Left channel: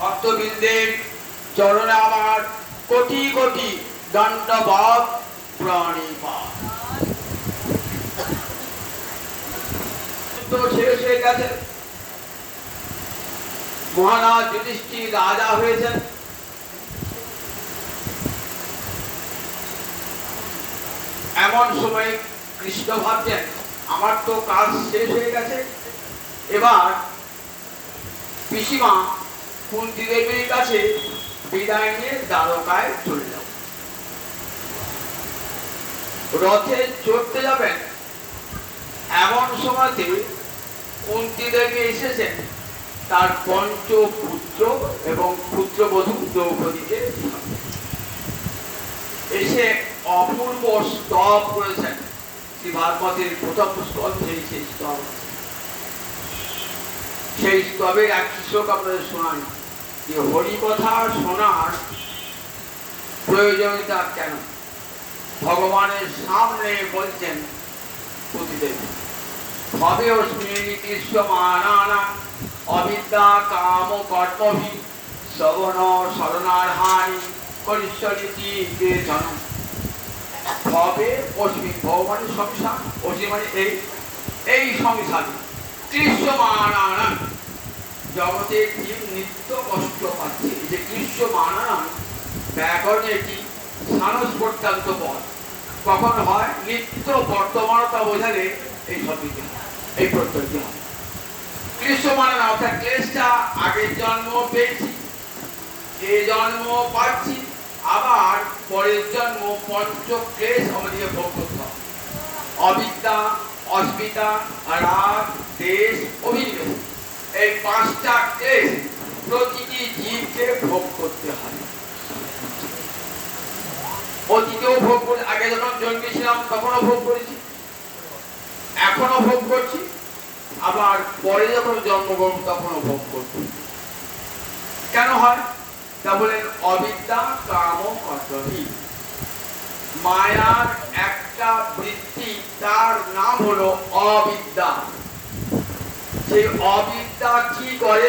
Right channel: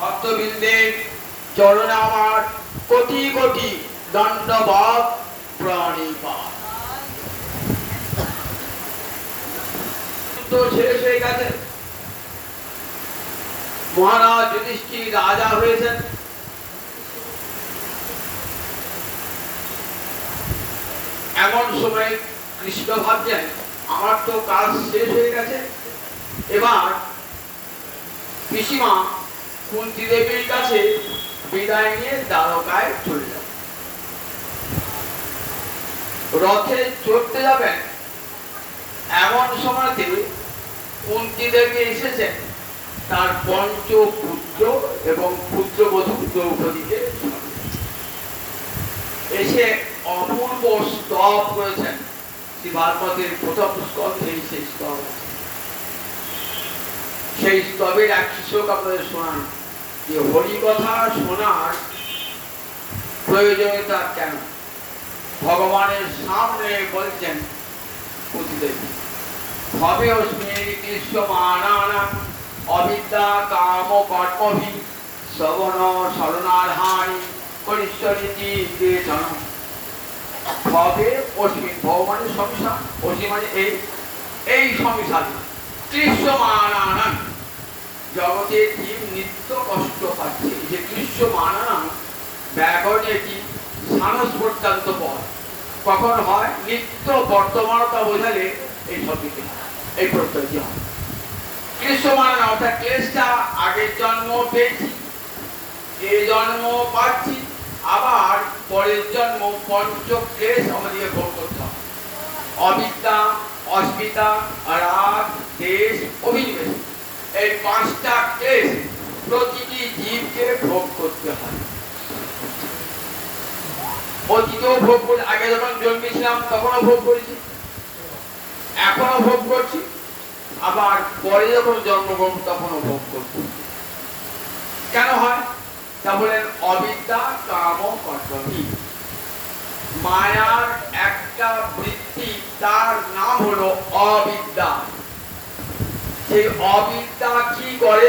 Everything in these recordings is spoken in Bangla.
ভক্তবৃন্দের চরণে আমার কোটি কোটি দণ্ডবৎ প্রণিপাত। শেষ হয়ে গেছে, মহারাজ যুধিষ্ঠির রাজা হয়েছেন। এমন সময় কৃষ্ণ ভাবছেন আমার তো কাজ শেষ হয়ে গেছে, এবার পিসিমা কুন্তি দেবীর কাছে বিদায় নিয়ে দ্বারকায় চলে যাব। রথে চড়তে যাবেন, এমন সময়তে কুন্তি দেবী এসেছেন তার পঞ্চপুত্র এবং পুত্রবধূ দ্রৌপদীকে এসে অপূর্ব স্তব করেছেন। শ্রী ভাগবতের প্রথম স্কন্ধে সেই স্তব, সেই স্তবের এক শ্লোক আপনাদের শোনান যে হরিকথা শোনার প্রয়োজনীয়তা কেন। ভগবানের সামনে বলছেন প্রতিদেবী ভবে অস্মি কৃষ্ণমানানা অবিদ্যা কাম কর্মভি শ্রবণ শরণার্হানি করিষ্যরিতি কেচন। ভবে অস্মি, ভগবানের সংসার, অস্মি মানে এই সংসার। কৃষ্ণমানানা, জগতের জীব নিত্য কষ্ট পাচ্ছে। যে কৃষ্ণমানানা ব্যাকরণে একটি সানস পর্যন্ত পদ কখন হয়, নিত্য বর্তমানতা বোঝালে এই শব্দটি হয়, এই প্রত্যয়টি হয়। কৃষ্ণমানানা অর্থাৎ ক্লেশটা আগের জন্ম পেয়েছি, এই জন্ম পাচ্ছি, আবার পরের জন্ম পঞ্চ ক্লেশ আমাদেরকে ভোগ করতে হবে। অবিদ্যা, অস্মিতা, রাগ, দেশ, অভিনিবেশ, এই পাঁচটা ক্লেশ প্রতিটি জীবকে ভোগ করতে হয়। অতীতেও ভোগ করি, আগে যখন জন্মেছিলাম তখনও ভোগ করেছি, এখনো ভোগ করছি, আবার পরে যখন জন্মগ্রহণ তখনও ভোগ করছি। কেন হয় তা বলেন অবিদ্যা কাম কর্তব্য। মায়ার একটা বৃত্তি, তার নাম হলো অবিদ্যা। সেই অবিদ্যা কি করে,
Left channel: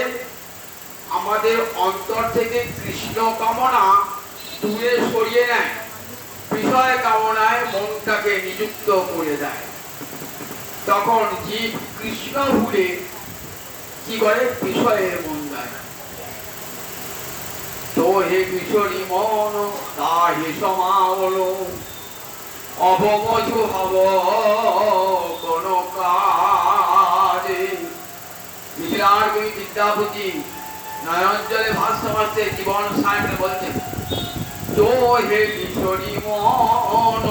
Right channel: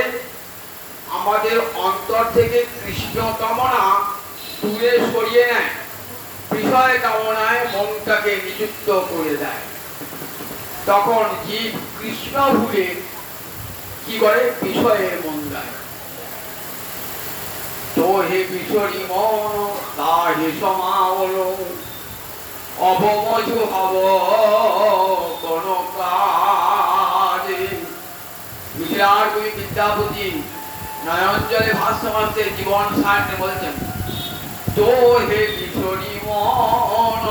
আমাদের অন্তর থেকে কৃষ্ণ কামনা দূরে সরিয়ে নেয়, বিষয় কামনায় মনটাকে নিযুক্ত করে দেয়। তখন জীব কৃষ্ণ ভুলে কি করে, বিষয়ে মন দেয়। তো হে বিশ্বরী মন তাহে সমাওল অবমজু হব কোন কাজে। মিশিলার কবি বিদ্যাপতি নয়নজলে ভাষ্য মারতে জীবন সায়নে বলছেন, তো হে বিশ্বরী মন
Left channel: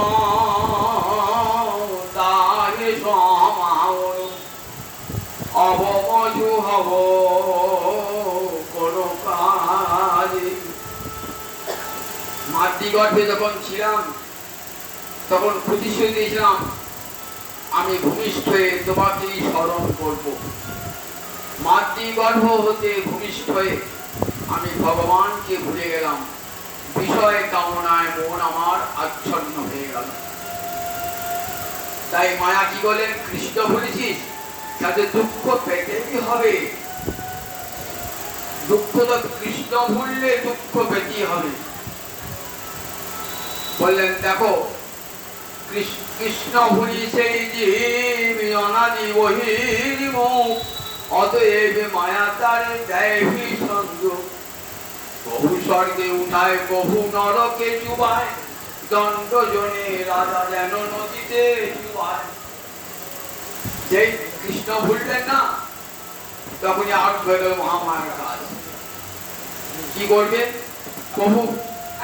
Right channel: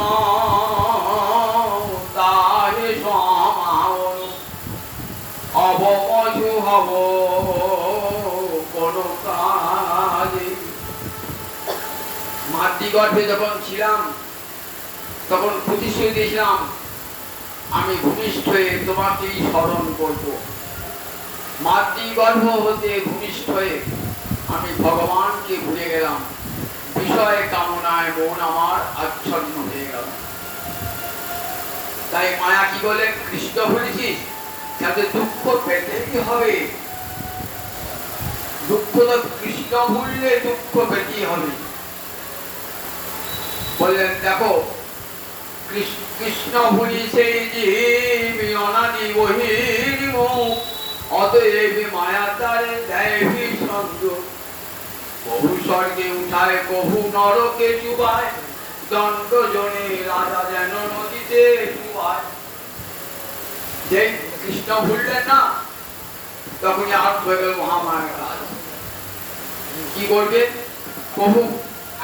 তাহে সমাওল অবমজু হব কোন কাজে। মাতৃগর্ভে যখন ছিলাম তখন প্রতিশ্রুতি দিয়েছিলাম আমি ভূমিষ্ঠ হয়ে তোমাকেই স্মরণ করব। মাতৃগর্ভ হতে ভূমিষ্ঠ হয়ে আমি ভগবানকে ভুলে গেলাম, বিষয় কামনায় মন আমার আচ্ছন্ন হয়ে গেল। তাই মায়া কি বলে, কৃষ্ণ ভুলেছিস তাতে দুঃখ পেতেই হবে। দুঃখ তো কৃষ্ণ ভুললে দুঃখ পেতেই হবে। বললেন দেখো কৃষ্ণ ভুলি সেই জীব অনাদি বহির্মুখ, অতএব মায়া তারে দেয় ভীষণ দুঃখ। বহু স্বর্গে উঠায় বহু নরকে চুবায়, দণ্ড জনে রাজা যেন নদীতে চুবায়। যেই কৃষ্ণ ভুললেন না তখনই আরম্ভ হয়ে গেল মহামায়ার কাজ। কি করবে, প্রভু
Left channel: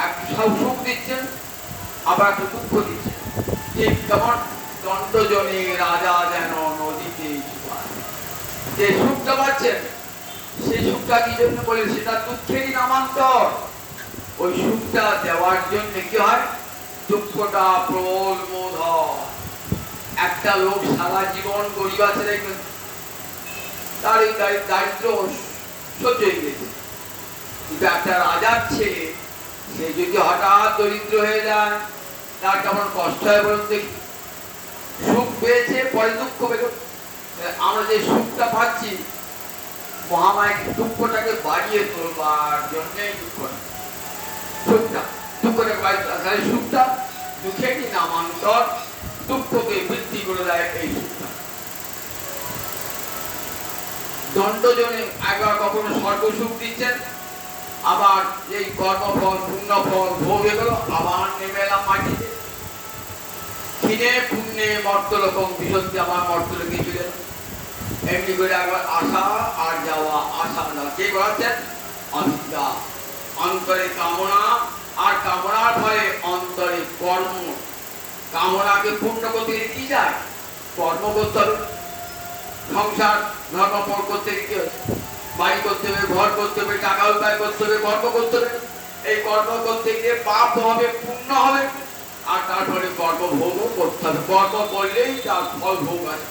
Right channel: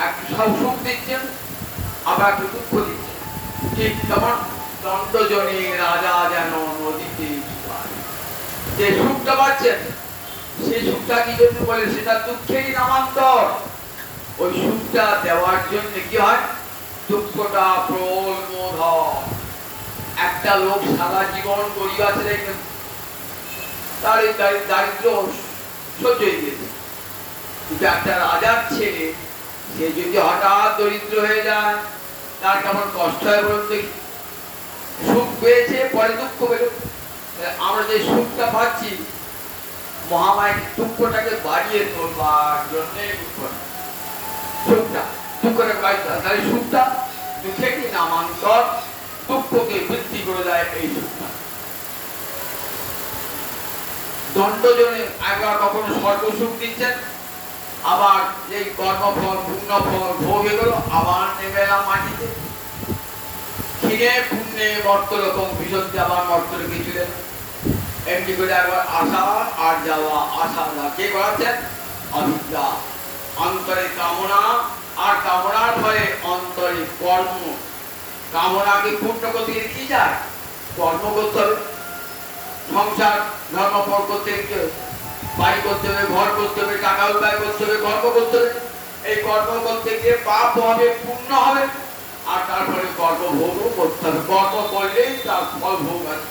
একটু সুখ দিচ্ছেন আবার একটু দুঃখ দিচ্ছেন। ঠিক তখন দণ্ড জনে রাজা যেন নদীতে চুবায়। যে সুখটা পাচ্ছেন সেই সুখটা কি জন্য বলে, সেটা দুঃখেরই নামান্তর। ওই সুখটা দেওয়ার জন্য কি হয়, দুঃখটা প্রলবোধন। একটা লোক সারা জীবন গরিব আছে, তার এই দারিদ্র সহ্য হয়ে গেছে, কিন্তু একটা রাজার ছেলে সে যদি হঠাৎ দরিদ্র হয়ে যায় তার কেমন কষ্ট হয় বলুন দেখি। সুখ পেয়েছে পরে দুঃখ পেল। আমরা যে সুখটা পাচ্ছি মহামায়া দুঃখটাকে বাড়িয়ে তোলবার জন্যে সুখটা দুঃখটাকে বাড়িয়ে তাহলে সুখটা দুঃখে কি নামান্তর, দুঃখকে বৃদ্ধি করে দেয় এই সুখটা। দণ্ডজনে একবার কখনো স্বর্গ সুখ দিচ্ছেন, আবার এই কর্মফল পুণ্যফল ভোগ এগুলো আবার নেমে এলাম মাটিতে। ক্ষীণে পুণ্যে মর্তলোকম বিশন্তি, আবার মর্তলোকে চলে এলাম। এমনি করে একবার আসা আর যাওয়া, আসা না কে করাচ্ছেন? অবিদ্যা। অন্তরে কামনা, আর কামনার ফলে অন্তরে কর্ম। কামনাকে পূর্ণ করতে গেলে কি যায়? কর্ম করতে হবে। সংসার ধর্মফল করতে গেলে বাড়ি করতে হবে, ঘর করতে হবে, টাকা উপায় করতে হবে, কর্ম করতে হবে। এই কর্ম করতে গিয়ে পাপ হবে, পুণ্য হবে, আর তারপরে কর্ম ভোগও করতে হবে। কর্ম করলেই তার ফল ভোগ আছে।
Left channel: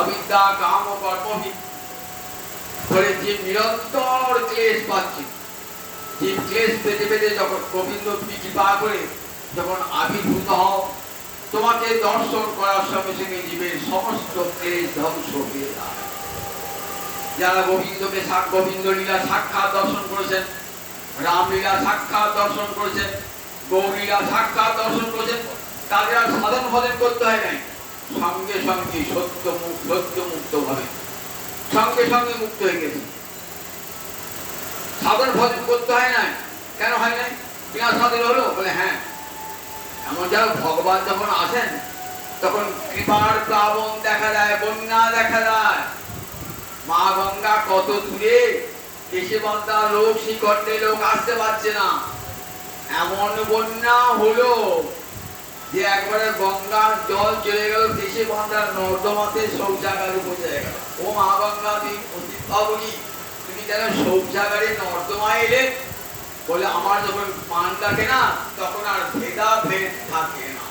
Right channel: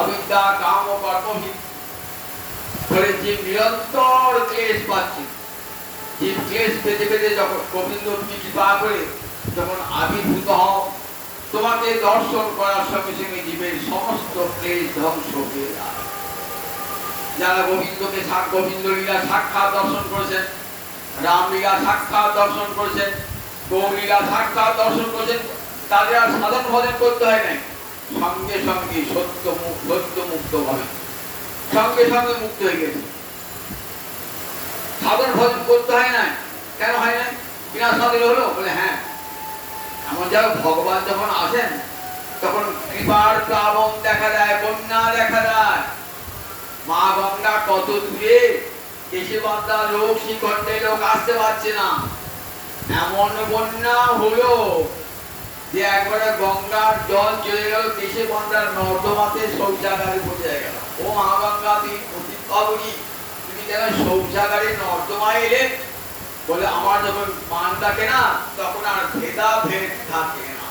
অবিদ্যা কাম ও কর্মহীন ফলে জীব নিরন্তর ক্লেশ পাচ্ছে। জীব ক্লেশ পেতে পেতে যখন গোবিন্দ তুমি কৃপা করে যখন আবির্ভূত হও, তোমাকে দর্শন করার সঙ্গে সঙ্গে জীবের সমস্ত ক্লেশ ধ্বংস হয়ে যায়। যারা গোবিন্দকে গোবিন্দ লীলা সাক্ষাৎ দর্শন করেছেন, রামলীলা সাক্ষাৎ দর্শন করেছেন, গৌরীলা সাক্ষাৎ দর্শন করেছেন, তাদের আর সাধন ভজন করতে হয় নাই। সঙ্গে সঙ্গে সত্য মুক্ত ভাবে সঙ্গে সঙ্গে মুক্ত হয়ে গেছে। সাধন ভজন করতে হয় নাই। কেন হয় নাই? বিনা সাধন হলো বলে হ্যাঁ, এমন যারা ভগবান যখন আসেন তখন কৃপার প্লাবন দেখা দেয়, বন্যা দেখা দেয়। মা গঙ্গা কত দূরে, কেশবন্ধা লোক শ্রীকণ্ঠে লোক আসতে পারছে না। এমন বন্যা হলো যে একবারে গঙ্গার জল চলে গেল কেশবন্ধার নর্দমাতে, শৌচাগারে পৌঁছে গেল। ও মা গঙ্গা তুমি অতি পাবনি, তুমি কেন শৌচাগারে নর্দমায় এলে? বলে আমার যখন মান থাকে না তখন আর ভেদাভেদ থাকে না।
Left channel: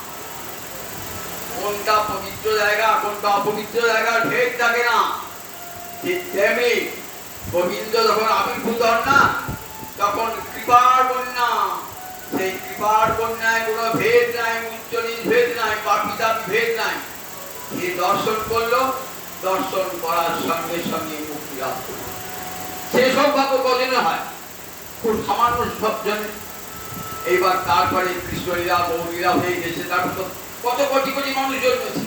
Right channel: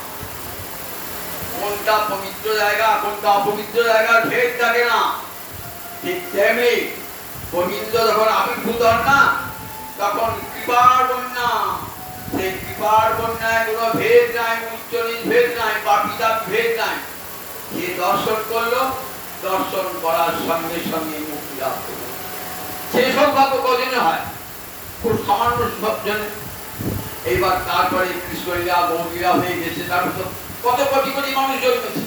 কোনটা পবিত্র জায়গা কোনটা অপবিত্র জায়গার ভেদ থাকে না। ঠিক তেমনি গোবিন্দ যখন আবির্ভূত হন না তখন কৃপার বন্যা, সেই কৃপার বন্যায় কোনো ভেদ নাই, উচ্চ নিচ ভেদ নাই, পাপিতার ভেদ নাই। যে দর্শন করলো, দর্শন করার সঙ্গে সঙ্গে মুক্তি লাভ করলো। সে সৌভাগ্য কজনে হয়? খুব সামান্য জনে। এইবার তারপরে কৃষ্ণলীলা গৌরীলা হয়ে গেছে, তারপর তো কত কোটি কোটি মানুষ জন্মেছে।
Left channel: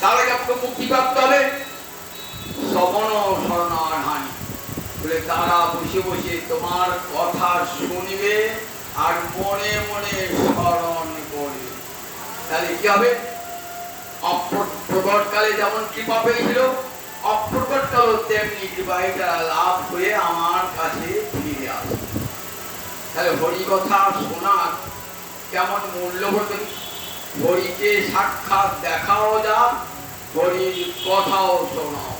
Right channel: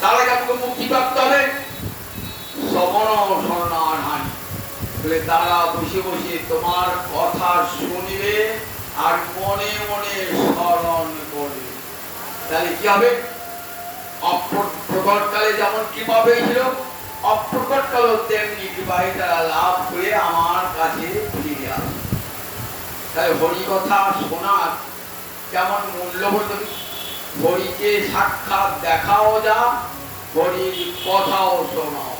তার আগে আমাকে মুক্তি প্রাপ্ত হবে। শ্রবণ শরণার হানি বলে তারা বসে বসে তোমার কথা শুনবে আর মনে মনে স্মরণ করবে। তাহলে কি হবে? প্রকটকালে যেমন কৃপা পেয়েছিল, অপ্রকটকাল তেমনি কৃপায় তারা লাভ করে আমার কাছে ফিরে আসে। তাহলে হরি কথা শোনার কেমন মূল্যবোধ! হরিকে সাক্ষাৎ দেখাও যা, হরির কথাও শোনাও।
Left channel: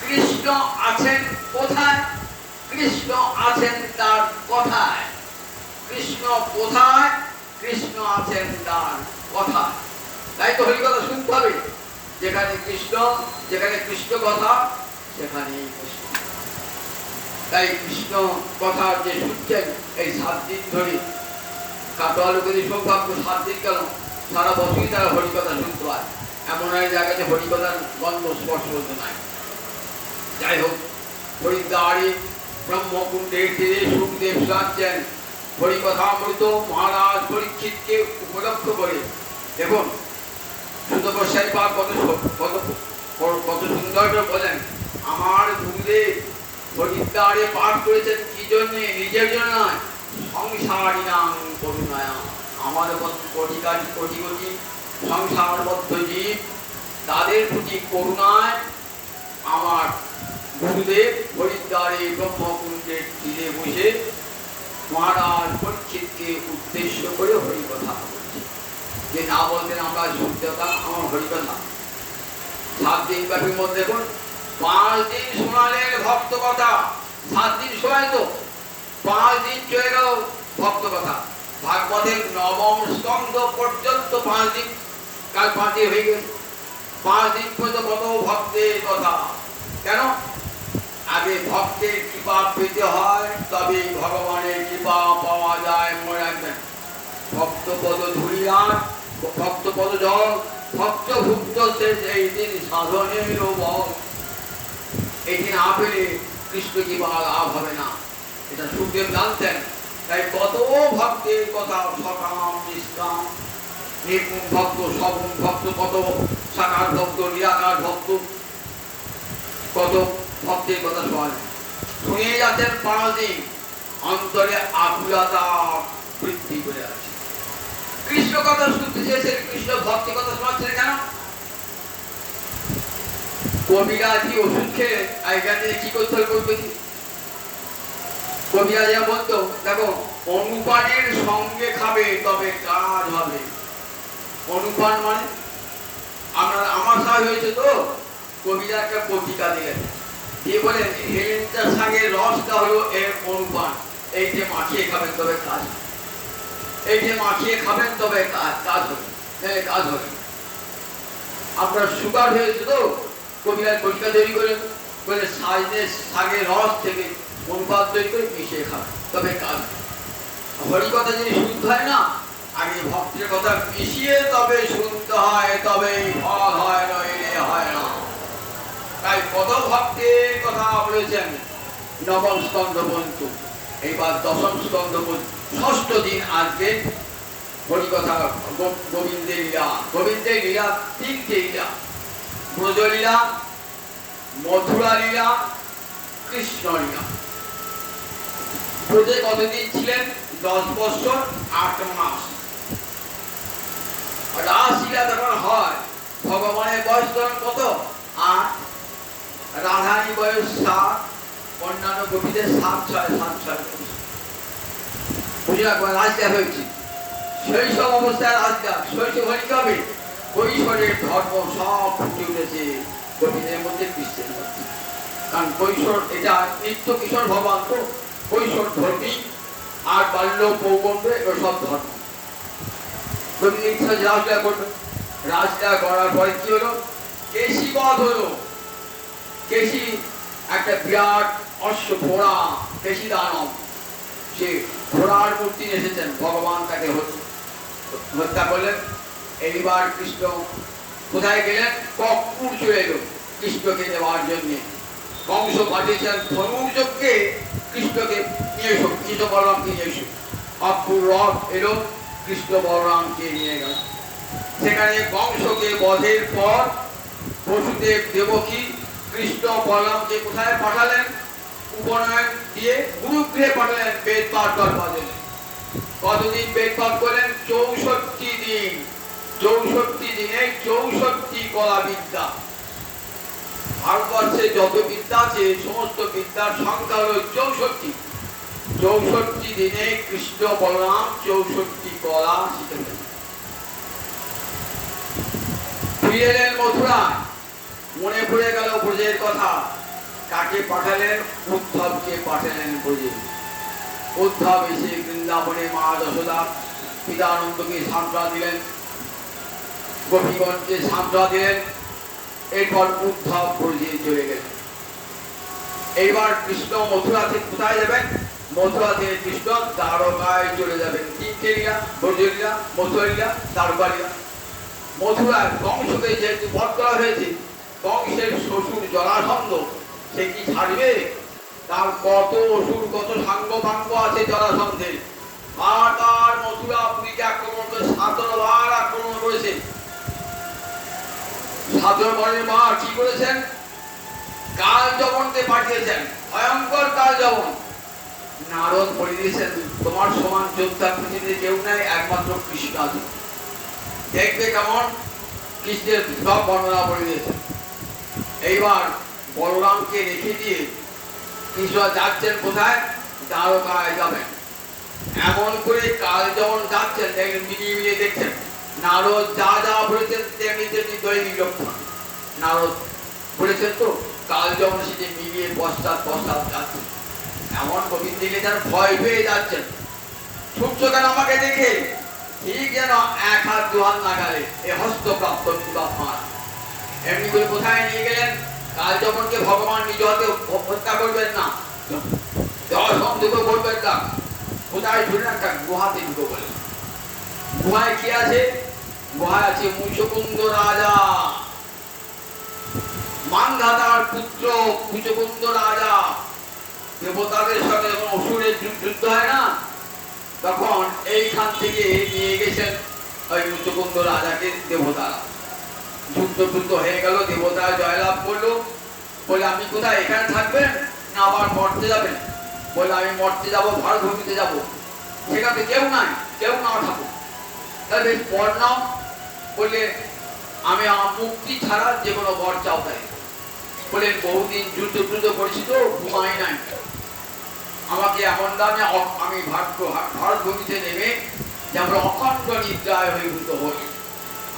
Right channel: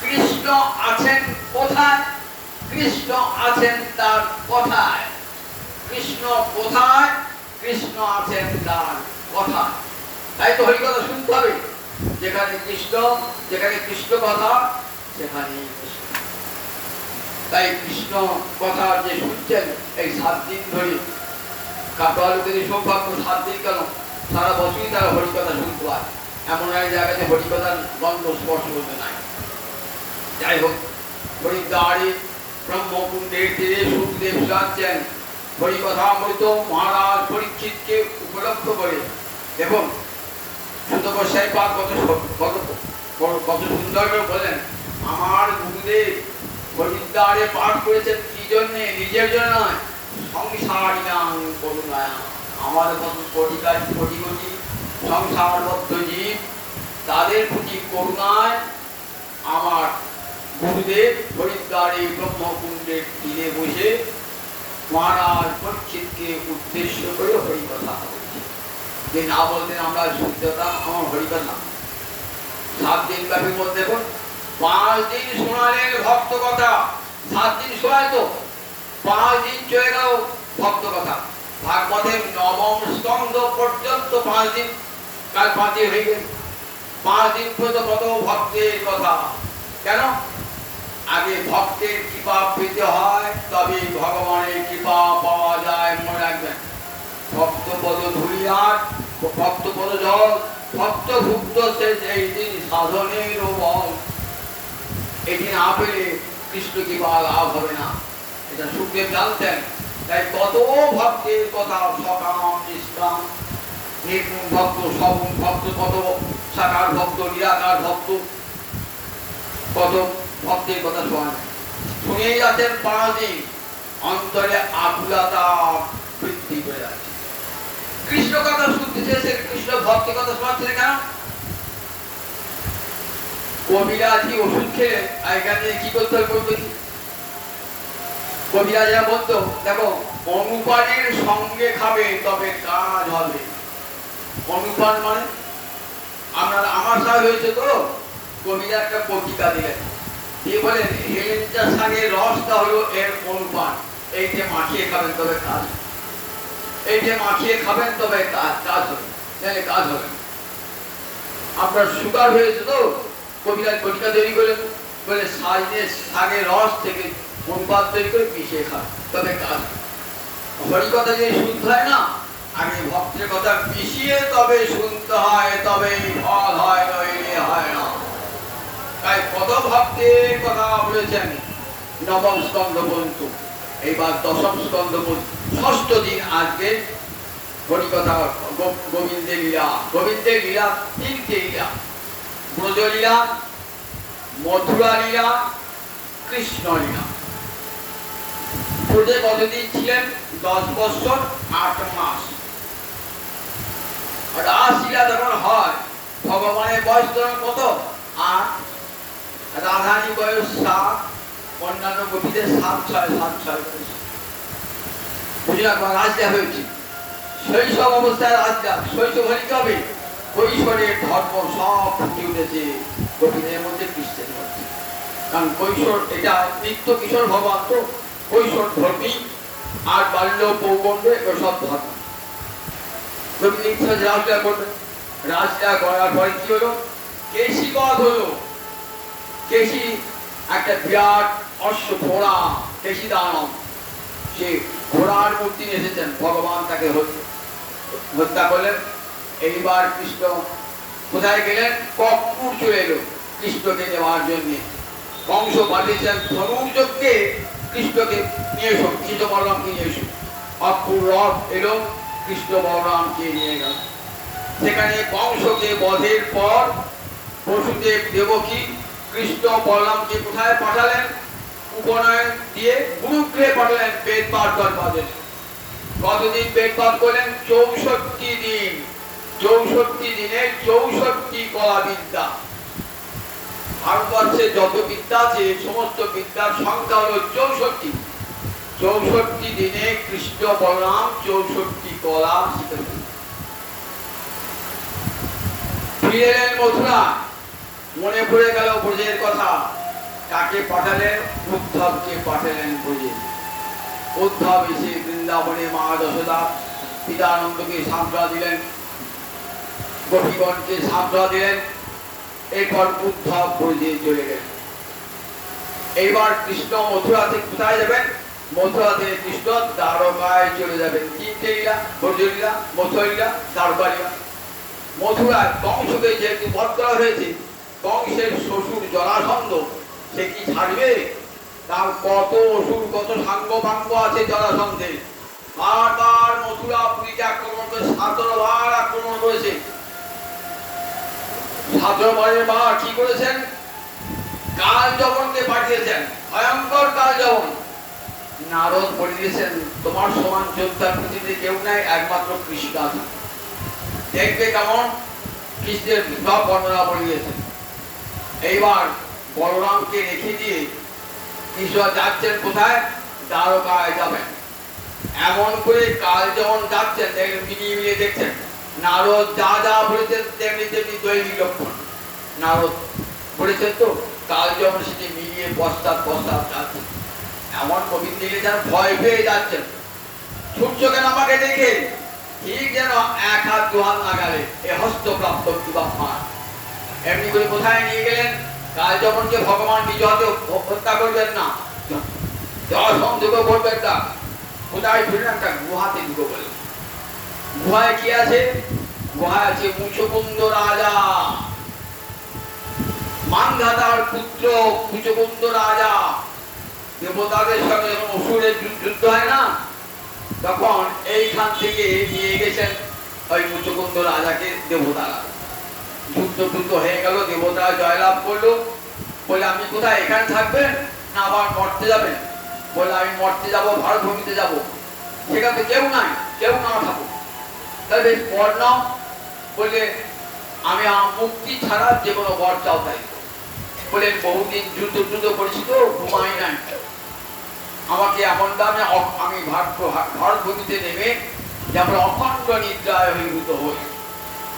কৃষ্ণ আছেন কোথায়? কৃষ্ণ আছেন তার কথায়। কৃষ্ণ কোথায়? কৃষ্ণ আছেন তার কথায়। তাই তো হরিকথা শুনতে হবে। যেখানে কৃষ্ণ, যেখানে কৃষ্ণ কথা সেখানেই কৃষ্ণ। তাই কৃষ্ণ কথা যে শুনছেন এই 7 দিন ধরে, কাটোয়ালোকের সৌভাগ্য 7 দিন কেন, সারা বছরই তারা হরিকথা শুনতে পায়। এমন এক জায়গাতে হরিকথার গন্ধ স্পর্শ হতে নাই। যাই হোক, হরিদ্বারে ব্রহ্মকুণ্ডের তীরে সুখদেব শোনাচ্ছেন হরিকথামৃত মহারাজ পরীক্ষিতকে উপলক্ষ করে। দেখুন সুত গোস্বাই পাদ কত সুন্দর করে বলেন, আমার গুরুদেব হরিদ্বারে পাঠ করেছেন কি জন্যে? নিজের জন্য নয়, সংসারী নাম করুণায়া। আমাদের মতন কোটি কোটি সংসারবদ্ধ জীব, তাদের প্রতি করুণায় আমার গুরুদেব হরিদ্বারে ব্রহ্মকুণ্ডের তীরে বসে মহারাজ পরীক্ষিতকে উদ্দেশ্য করে হরিকথা বলছে। যে না বলতেন আমরা শুদ্ধতা আমার হরিকথা। 7 দিন ব্যাপী মধ্যে দেখুন 5 দিন শোনালেন ভক্ত কথা। 7 দিন শোনায় তো, 5 দিন চলে গেল ভক্ত কথা। ভাগবতের 9ম স্কন্ধ পর্যন্ত 5 দিন, কাল 5 দিন হয়ে গেছে। 5 দিন পর্যন্ত কত ভক্তের কথা। কেন? আগে ভক্তের কৃপা পেতে হয়, তবে ভগবানের কৃপা পাওয়া যায়। মনে রাখবেন, ভক্তপদ ধুলিয়ার, ভক্তপদ জল, ভক্তভুক্ত শেষ এই দিন সাধনের বল। এটি না পেলে কৃষ্ণ কি বা লাভ হবে না, এটা সুখদেব জানতেন। তাই কত ভক্তের কথা, সকাম নিষ্কাম, নির্গুণ ভক্ত, সগুণ ভক্ত, কত সাকার ভক্ত, নিরাকার ভক্ত, কত ভক্তের কথা শোনেন, শুনিয়ে যাচ্ছেন প্রাণদিন, অন্তরে আকুলতা বৃদ্ধি করে যাচ্ছে। কৃষ্ণ কথা শুনতে চেয়েছেন, কৃষ্ণ ভক্তের কথা শোনাচ্ছেন কেন? কবিরাজি ওষুধ খেয়ে এখানে কি করতে হবে বলতে, কবিরাজা বলতো দেখো অনুপানের সঙ্গে খাবে তবে কাজ হবে। অনুপান মানে আমার সাথে হয়েছে তো, কবিরা একটা পত্রিকা দিলেন, দিয়ে বলেন হেলেঞ্চা শাকের রসটা হলো এর অনুপান, এই যে মাখিয়ে খাবেন তবে কাজ, এই যে মাখিয়ে খাবেন তবে কাজ হবে, কাজ হবে। আপনার সুগার হয়েছে তো, কবিরাজ পত্রিকা তৈরি করে বলে শাকের রস থেকে অনুপাত তৈরি করে মিশিয়ে খাবে তবে কাজ। হরি কথা যদি শুনতে হয় না, আগে ভক্তের কথা মিশিয়ে তবে শুনতে হয়, তবে ফল হয়, নইলে হয় না। তাই কত ভক্তের কথা বলেছেন নবম স্কন্ধ পর্যন্ত, এইবার দশম স্কন্ধ পর্যন্ত, ষষ্ঠ দিন আজকে হরিকথা, গোবিন্দের লীলা। গোবিন্দের লীলা তিনটে লীলা, ব্রজলীলা, মথুরা লীলা, কৃষ্ণ লীলা। ব্রজে কতদিন ছিলেন? 10 বছর 8 মাস। রাসলীলা যখন হয়, ভগবানের বয়স তখন কত? 8, রাধারী বয়স 7, অন্যান্য গোপীদের 7-6 বুঝে রাখবেন। রাজলীলা হয়েছে শৈশব অবস্থায়, রাজলীলা শৈশব হলে কি হবে? কৈশোরের ধর্ম সব ফুটে উঠেছে গোপীদের মধ্যে, কৃষ্ণের মধ্যে। কারণ কৈশোর এটা নিত্য কিশোর ভগবান তো, কৈশোর ধর্মী আর বাল্য পৌগণ্ড এগুলো সব ধর্ম। রাজলীলা করবে, রাজলীলা করার পরে কি হলো? কেশি বধ হলো। কেশি একটা বিরাট অশ্ব ঘোড়া, কেশি দানব, সে ঘোড়ার মূর্তি এসেছেন, ভগবান তাকে হত্যা করলেন। এইবার কৃষ্ণ কোথায় গেলেন? কর্পূর চলে এলো কৃষ্ণকে নেওয়ার জন্য। কংস পাঠিয়েছেন ধনুর্যজ্ঞে কৃষ্ণকে নিয়ে এসো, কৃষ্ণ বলরামকে নিয়ে এসো। অপুর রথ এলো, কৃষ্ণ বলরামকে নিয়ে গেল। সেখানে কংসকে বধের পর বসুদেব দেবকী কৃষ্ণ বলরামকে কোথায় পাঠালেন? উপনয়ন দিয়ে গুরুগৃহে পাঠালেন, পেট পাঠ করলেন। কতদিন পেট পাঠ করলেন? 64 দিন। 64 দিনে 64 কলা বিদ্যা। ভারতবর্ষে যত বিদ্যা আছে সমস্ত বিদ্যার সংখ্যা হলো 64। 64 দিনে কৃষ্ণ বলরাম 64 কলা শিখেছেন। ফিরে এলেন মথুরায়, মনে পড়ে গেল ব্রজের কথা। কাকে পাঠালেন? উদ্ধবকে পাঠালেন ব্রজে। উদ্ধব এসে বৃন্দাবনে মা যশোদা পিতানন্দকে সান্ত্বনা দিলেন, গোপীগণকে সান্ত্বনা দিলেন। এরপর উদ্ধব ব্রজে চলে গেলেন। এইবার কৃষ্ণ মথুরা থেকে কোথায় যাবেন? মথুরা থেকে কৃষ্ণ দ্বারকায় চলে যাবেন। তিনটে লীলা, ব্রজলীলা, মথুরা লীলা, দ্বারকা লীলা। মথুরায় কংসকে যেহেতু বধ করা হয়েছে, কংসের শ্বশুর জরাসন্ধ সে কি ছাড়বে? তার কত অসুর, কত সাঙ্গ পাঙ্গ আছে জরাসন্ধের। বারবার মথুরা পুরীকে আক্রমণ করে 17 বার আক্রমণ করেছে। 17 বারের বার কি করেছেন? কাল যবনকে পাঠিয়েছেন, ভয়ঙ্কর কাল যবন। নারদ বলে দিয়েছেন তোমার সমান যোদ্ধা পৃথিবীতে কেউ নাই, একমাত্র কৃষ্ণ আছে। দেখবে কেমন কৃষ্ণের সব বর্ণনা বলে দিয়েছেন। এইবার বলরামকে রেখে দিয়ে কৃষ্ণ যাচ্ছেন কোথায়? দ্বারকায় যাবেন। এমন করে কাল যখন যাচ্ছেন মিলিয়ে মিলিয়ে দেখছেন। নারদ যা যা বলেছেন তেমনি তেমনি দৈনিক লক্ষণ। নারদ বলেছেন তো, কাল যখন সেটি মিলিয়ে পশ্চাৎ যাচ্ছে। এমন গোবিন্দ দিকে যেন ভয় পেয়ে যাচ্ছেন। ছুটছ কেন আমাকে দেখে? ঠিক যেন 1 হাত 2 হাত নাগালে এ হস্তপ্রাপ্ত বাপমা। এমনি করে কোথায় নিয়ে গেলেন? কাল যখনকে ভগবান নিজ হাতে হত্যা করবেন না, জরাসন্ধকে বলবেন না, কোথায় ধরলেন? একটা গুহাতে ঢুকে বললেন। গুহায় কি আছে? গুহায় আছে মুচকুন্দ রাজা। মান্ধাতার পুত্র কুচকুন্দ রাজা, দেবতাদের সঙ্গে যখন অসুরের যুদ্ধ হয় না, তখন এইখান থেকে নিয়ে গেছেন ওই মুচকুন্দ রাজাকে দেবতারা। যুদ্ধ হয়ে গেল, দেবতারা জয়লাভ করলো। বলে আপনি কোথায়, এখানে থাকবেন না আবার মরতে যাবেন? বলে আমি মরতে যাব, ভারত ভূমিতে যাব। সেখানে কেউ নাই, কেউ না থাকো, তাহলে বেশ বর নাও। বলে আমি আমার মুক্তি ছাড়া যে কোনো বর চাও তাই। বলে বহুদিন যুদ্ধ করেছি তো, ঘুমাই নাই, আমাকে এমন দামে আমি ভারত ভূমিতে নেমে যেমন অখণ্ড নিদ্রায় অভিভূত হই।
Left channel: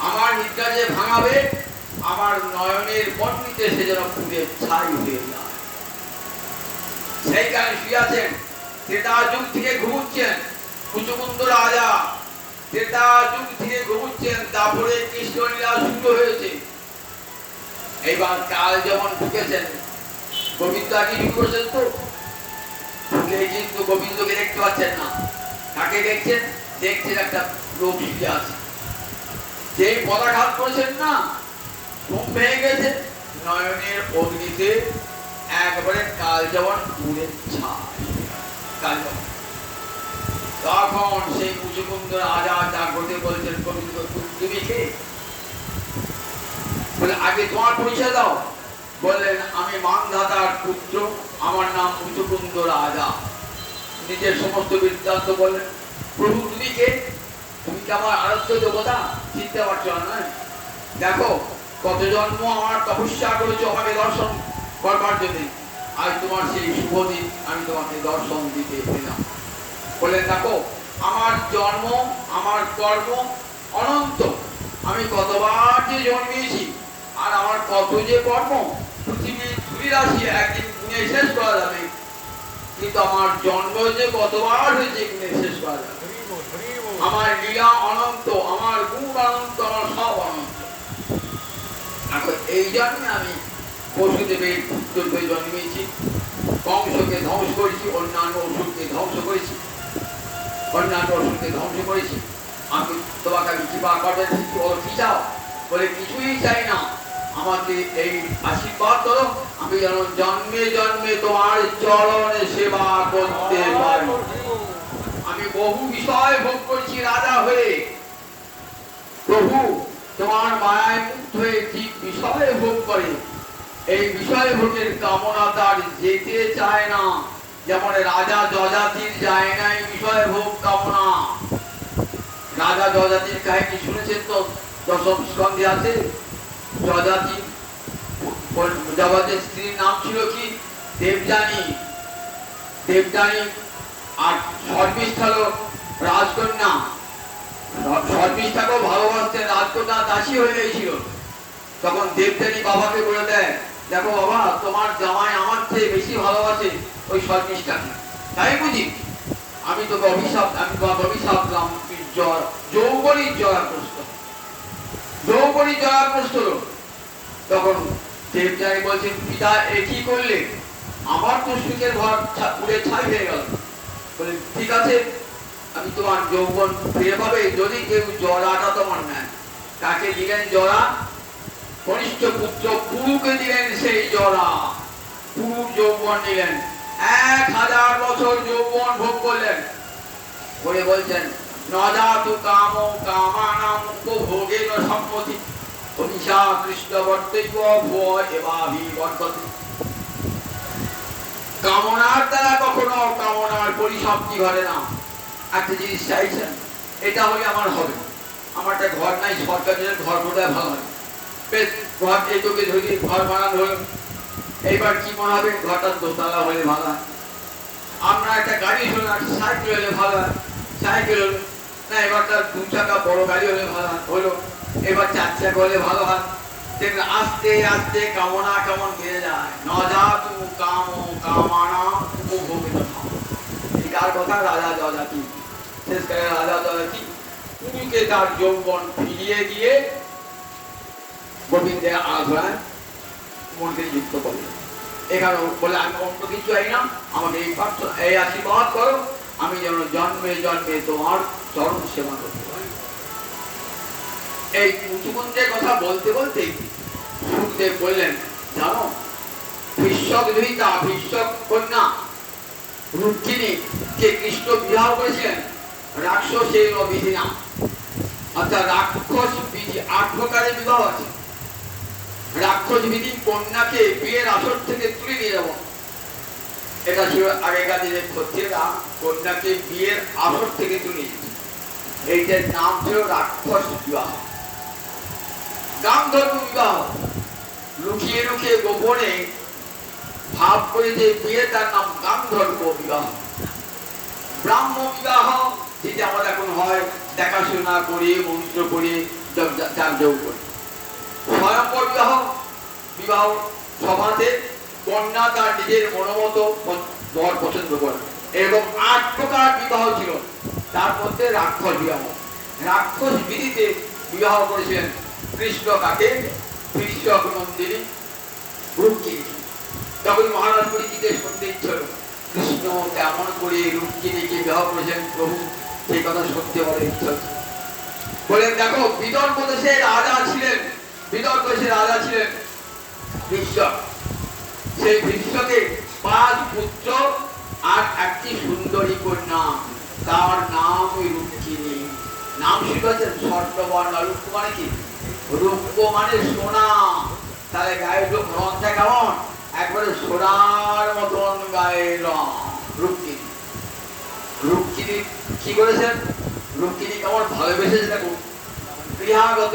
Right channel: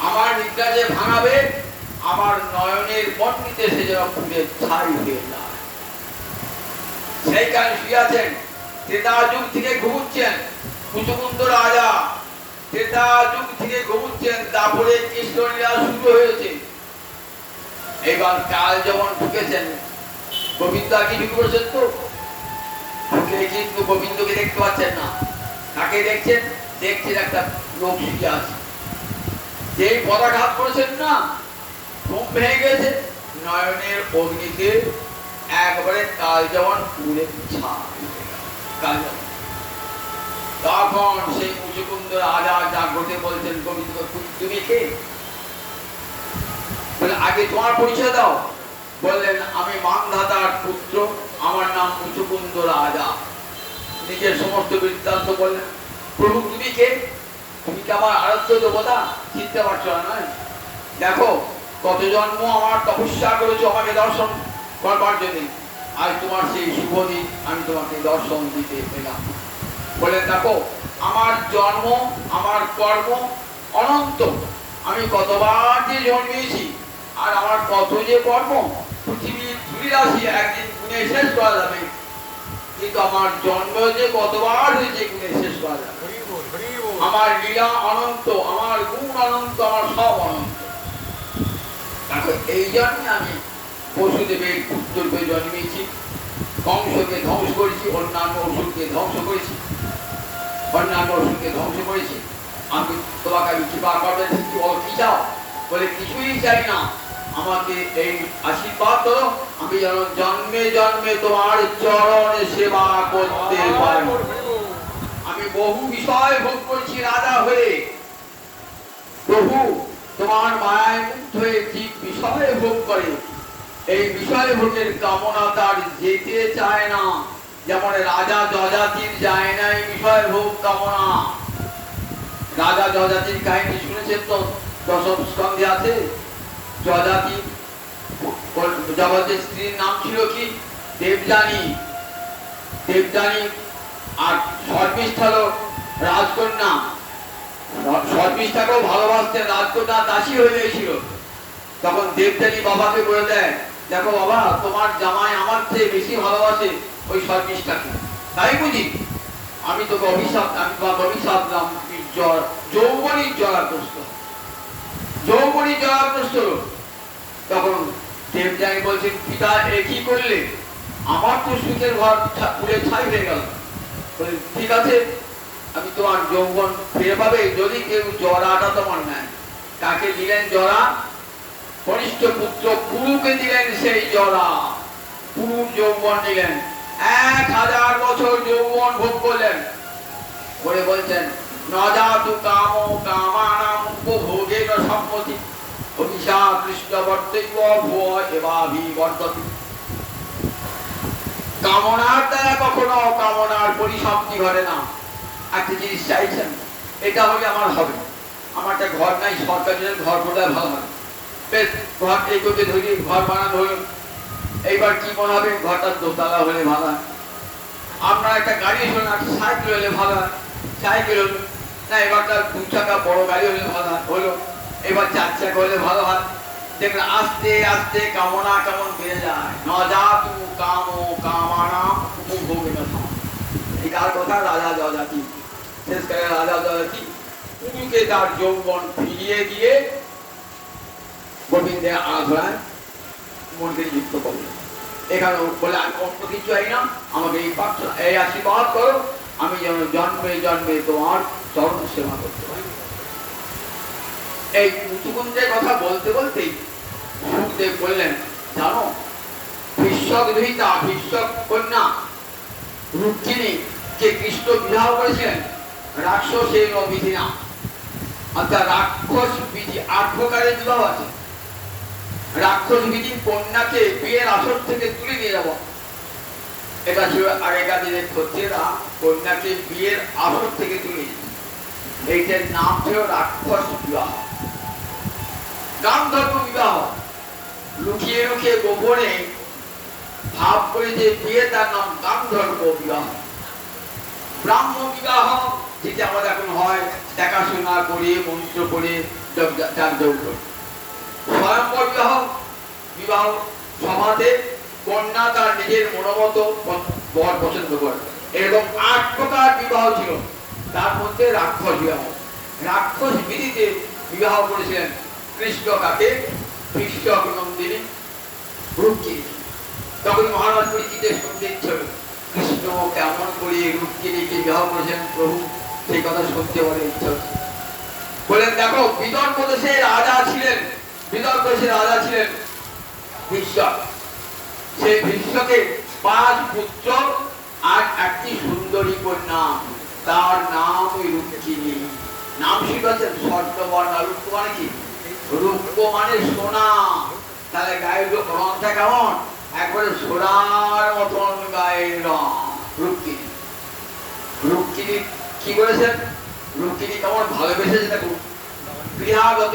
আমার নিদ্রা যে ভাঙাবে, আমার নয়নের পণ্ডিতে সে যেন পুড়ে ছাই হয়ে যায়। সেইখানে শুয়েছেন, ত্রেতা যুগ থেকে ঘুমুচ্ছেন মুচকুন্দ রাজা, ত্রেতা যুগ থেকে ঘুমুচ্ছেন। তারপরে কৃষ্ণলীলা শুরু হয়েছে। এইবার কাল যেমন ঢুকেছেন, গোবিন্দ আগে ঢুকে পড়েছেন তো, ঢুকে কিন্তু গোবিন্দকে দেখতে পাচ্ছেন না। কাকে দেখছেন? দেখছেন একটা লোক শিখে আছে, যেই পদাঘাত করেছেন না, ঘুম ভেঙে গেছে, নয়নের অগ্নিতে একবারে কাল যেমন পুড়ে ছাই। তখন সেই মুচকুন্দ রাজা জাগ্রতে বলছেন, গোবিন্দ তুমি কে? বলে আগে তোমার পরিচয় দাও। বললেন আমি মান্ধাতার পুত্র, আমার নাম মুচকুন্দ রাজা। নিজের সমস্ত বৃত্তান্ত বললেন। প্রভু তুমি কে? তুমি কি আমার আরাধ্য দেবতা? চিনতে পারছো না? দেখো কত জন্ম আমার তপস্যা করেছো আমাকে দর্শন করবার জন্য, আজ তোমার সেই শুভ দিন আমি তোমাকে দর্শন দিতে পেলাম। বলে দেখো আমার জন্ম, আমার কর্ম অনন্ত, আমি কতবার যে জন্মেছি, আর আমার কত যে কর্ম, পৃথিবীর ধূলিরাশি একদিন গুণে শেষ করা যাবে, কিন্তু আমার জন্ম যে কতবার হয়েছে গুণে শেষ করা যাবে। আমার লীলা অনন্ত, আমার গুণ অনন্ত, আমার সব অনন্ত। এই জন্যে আমি বসুদেবের পুত্র হয়ে জন্মেছি, কংসকে ধ্বংস করেছি, অন্যান্য অসুরকে ধ্বংস করেছি, আমি তোমাকে আমি কৃপা করবেন, কি চাও? বলে কিছুই চাই না, আমাকে এই আশীর্বাদ করো, আমি যেন জন্মে জন্মে তোমার চরণে সেবা করতে পারি। আমি বহু বিষয় ভোগ করেছি রাজা হয়ে, প্রভু তোমার মায়ায় মুক্ত হয়ে ঠিক বিষয় ভোগ করে, এই বিষয় ভোগের কামনা তার যেতে চায় না, যেমন রাজা যজাতির যায় না এই বিষয় ভোগ কামনা। রাজা যজাতির কাহিনী শুনেছেন তো, দশম স্কন্ধে আছে। যজাতি, জগতের স্ত্রীর নাম ছিল কি? দেবযানী। আর শর্মিষ্ঠা হলো রাজকন্যা। শর্মিষ্ঠাকেও ভালোবাসতেন, রাজকন্যা দাসী হয়ে গিয়েছিল। তখন দেবযানী বাবাকে বলে দেয়, দেখো বাবা তোমার জামাই আমার চেয়ে বেশি ভালোবাসে ওই শর্মিষ্ঠাকে, তাই বুঝি আমি তোকে অভিশাপ, আমি তোমাকে অভিশাপ দিলাম, যৌবনী জলাগ্রস্ত। তখন দেবযানী বলছেন, পিতা এ কি করলে? আমার তো সুখের ঘর পুড়ে ছাই হয়ে গেল। ঠিক আছে, আমি তোমার যৌবন ফিরে পাবে যদি কেউ জরাটা তোমার নেয়। কাকে দিলেন জরা? কনিষ্ঠ পুত্র পুরুকে দিলেন সেই জরা। পুরুর যৌবন নিলেন, 1000 বছর যৌবন ভোগ করলেন। বলে বলছেন নজাতু কাম কামানাম উপভোগেন সম্মতি অভিশা কৃষ্ণ বর্তব্য ভুয় এবাভি বর্ততি। কামনার দ্বারা কখনো কামনার পরিসমাপ্তি ঘটে না। একটা জিনিস চাইছেন, এটা হলে আমার হবে, আমার একটা ঘর নাই, সরকারের ঘর বোধহয় ভালো হবে, বেশ ঘর এইটুকু ধরে ঘর বানানো হলো। এইবার কি মনে হবে? ঘরটা দোতলা হলে ভালো হয়। আমরা একটা গাড়ি হলো না, সাইকেল হলে ভালো হয়, সাইকেল হলো না, এবারটা 2 চাকা বড় গাড়ি হলে ভালো হয়, হলো। এবার 4 চাকা হলে ভালো হয়। দেখলে আস্তে আস্তে কামনা কেমন বেড়ে যায়। নজাতু কাম কামানাম উপভোগেন সম্মতি। এটার কথা রাজা যজাতি। শেষকালে রাজা যজাতি পুরুকে তার যৌবন ফিরিয়ে দিয়ে গোবিন্দের আরাধনায় মনকে যুক্ত করে। এখানে বলে আমি অন্য কিছু চাই না, আমাকে এই প্রার্থনা, এই আশীর্বাদ করো, আমি যেন জন্মে জন্মে তোমার চরণ সেবা করতে পারি। এই মুচুকুন্দের কথা বলতে বলতেই সুখদেব বললেন, জানো ভীষ্মক দুহিতা ভীষ্মক কন্যা রুক্মিণী কে কৃষ্ণ বিবাহ করেছিলেন রাক্ষসের বিধিনা, অর্থাৎ রাক্ষস বিধি 8 প্রকারের বিবাহ আছে। রাক্ষস বিধি কন্যাকে বিয়ের আসর থেকে তুলে নিয়ে যাব, এটা ছিল আগেকার দিনের ক্ষত্রিয়রা কন্যাকে বিয়ের আসর থেকে তুলে নিত, এইটার নাম ছিল রাক্ষস বিবাহ। গান্ধর্ব বিবাহ লুকিয়ে লুকিয়ে গোপনে ভাব করে যে বিয়ে, তার নাম গান্ধর্ব বিবাহ। ব্রাহ্ম বিবাহ যেটা আমাদের এখন হয় দেখাশোনা করে মন্ত্র করে যাগযজ্ঞ করে। স্বয়ংবর বিবাহ বিবাহ সভাতে কন্যা তার নিজের মনোমত বর পছন্দ করে। এরকম 8 প্রকার বিবাহ ছিল, তার মধ্যে রাক্ষস বিবাহ। রাক্ষস বিধিতে বিবাহ করেছিলেন কৃষ্ণ কাকে ভীষ্মক নন্দিনী রুক্মিণী। তখন মহারাজ পরিচিতের শুনতে ইচ্ছে হল কৃষ্ণ কেমন করে রুক্মিণীকে বিবাহ করেছেন প্রভু, সেই কথা শুনতে বলে ইচ্ছে হচ্ছে। বলেন দেখো বিদর্ভ দেশের রাজা ছিলেন, বিদর্ভ দেশের রাজা ছিলেন ভীষ্মক। সেই ভীষ্মকের 5 পুত্র আর একটি সুন্দরী কন্যা, তার নাম রুক্মিণী। নাম শিখেছেন স্বর্ণবর্ণা। রূপ মানে কি? রূপ মানে সোনা, তাহলে গায়ের রংটা কেমন? একবারে সোনার মতন গায়ের রং। রুক্মিণী রুক্মিণী কি করেছেন? রুক্মিণী কেমন ভালোবেসেছে দেখুন। গৃহাগত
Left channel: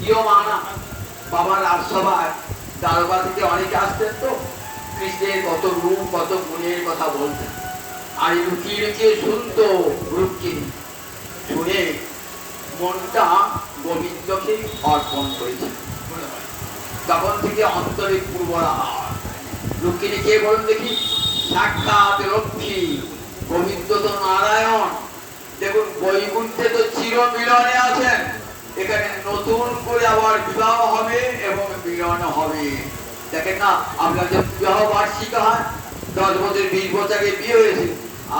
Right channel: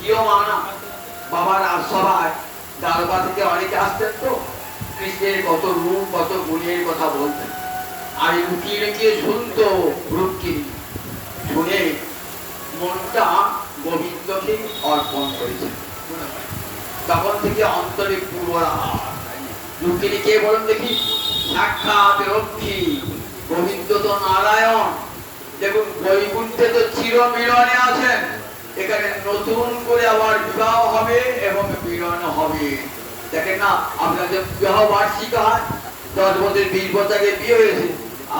গৃহমানা বাবার রাজসভায় দারোগা থেকে অনেকে আসতেন, তো কৃষ্ণের কত রূপ কত গুণের কথা বলতেন, আর লুকিয়ে লুকিয়ে শুনতো রুক্মিণী। শুনে মনটা গোবিন্দকে অর্পণ করেছে। তখন থেকে অন্তরে পূর্বরা রুক্মিণী কে বলুন দেখি? সাক্ষাৎ লক্ষ্মী। গোবিন্দ তো নারায়ণ। দেখুন বৈকুণ্ঠে তো চির মিলনে আছেন, এখানে নতুন করে আবার বিবাহ হবে এবং মিলন হবে। দেখেন না আপনাদের বিবাহ বার্ষিক হয়, 10 বছর 20 বছর আগে বিয়ে হয়েছে,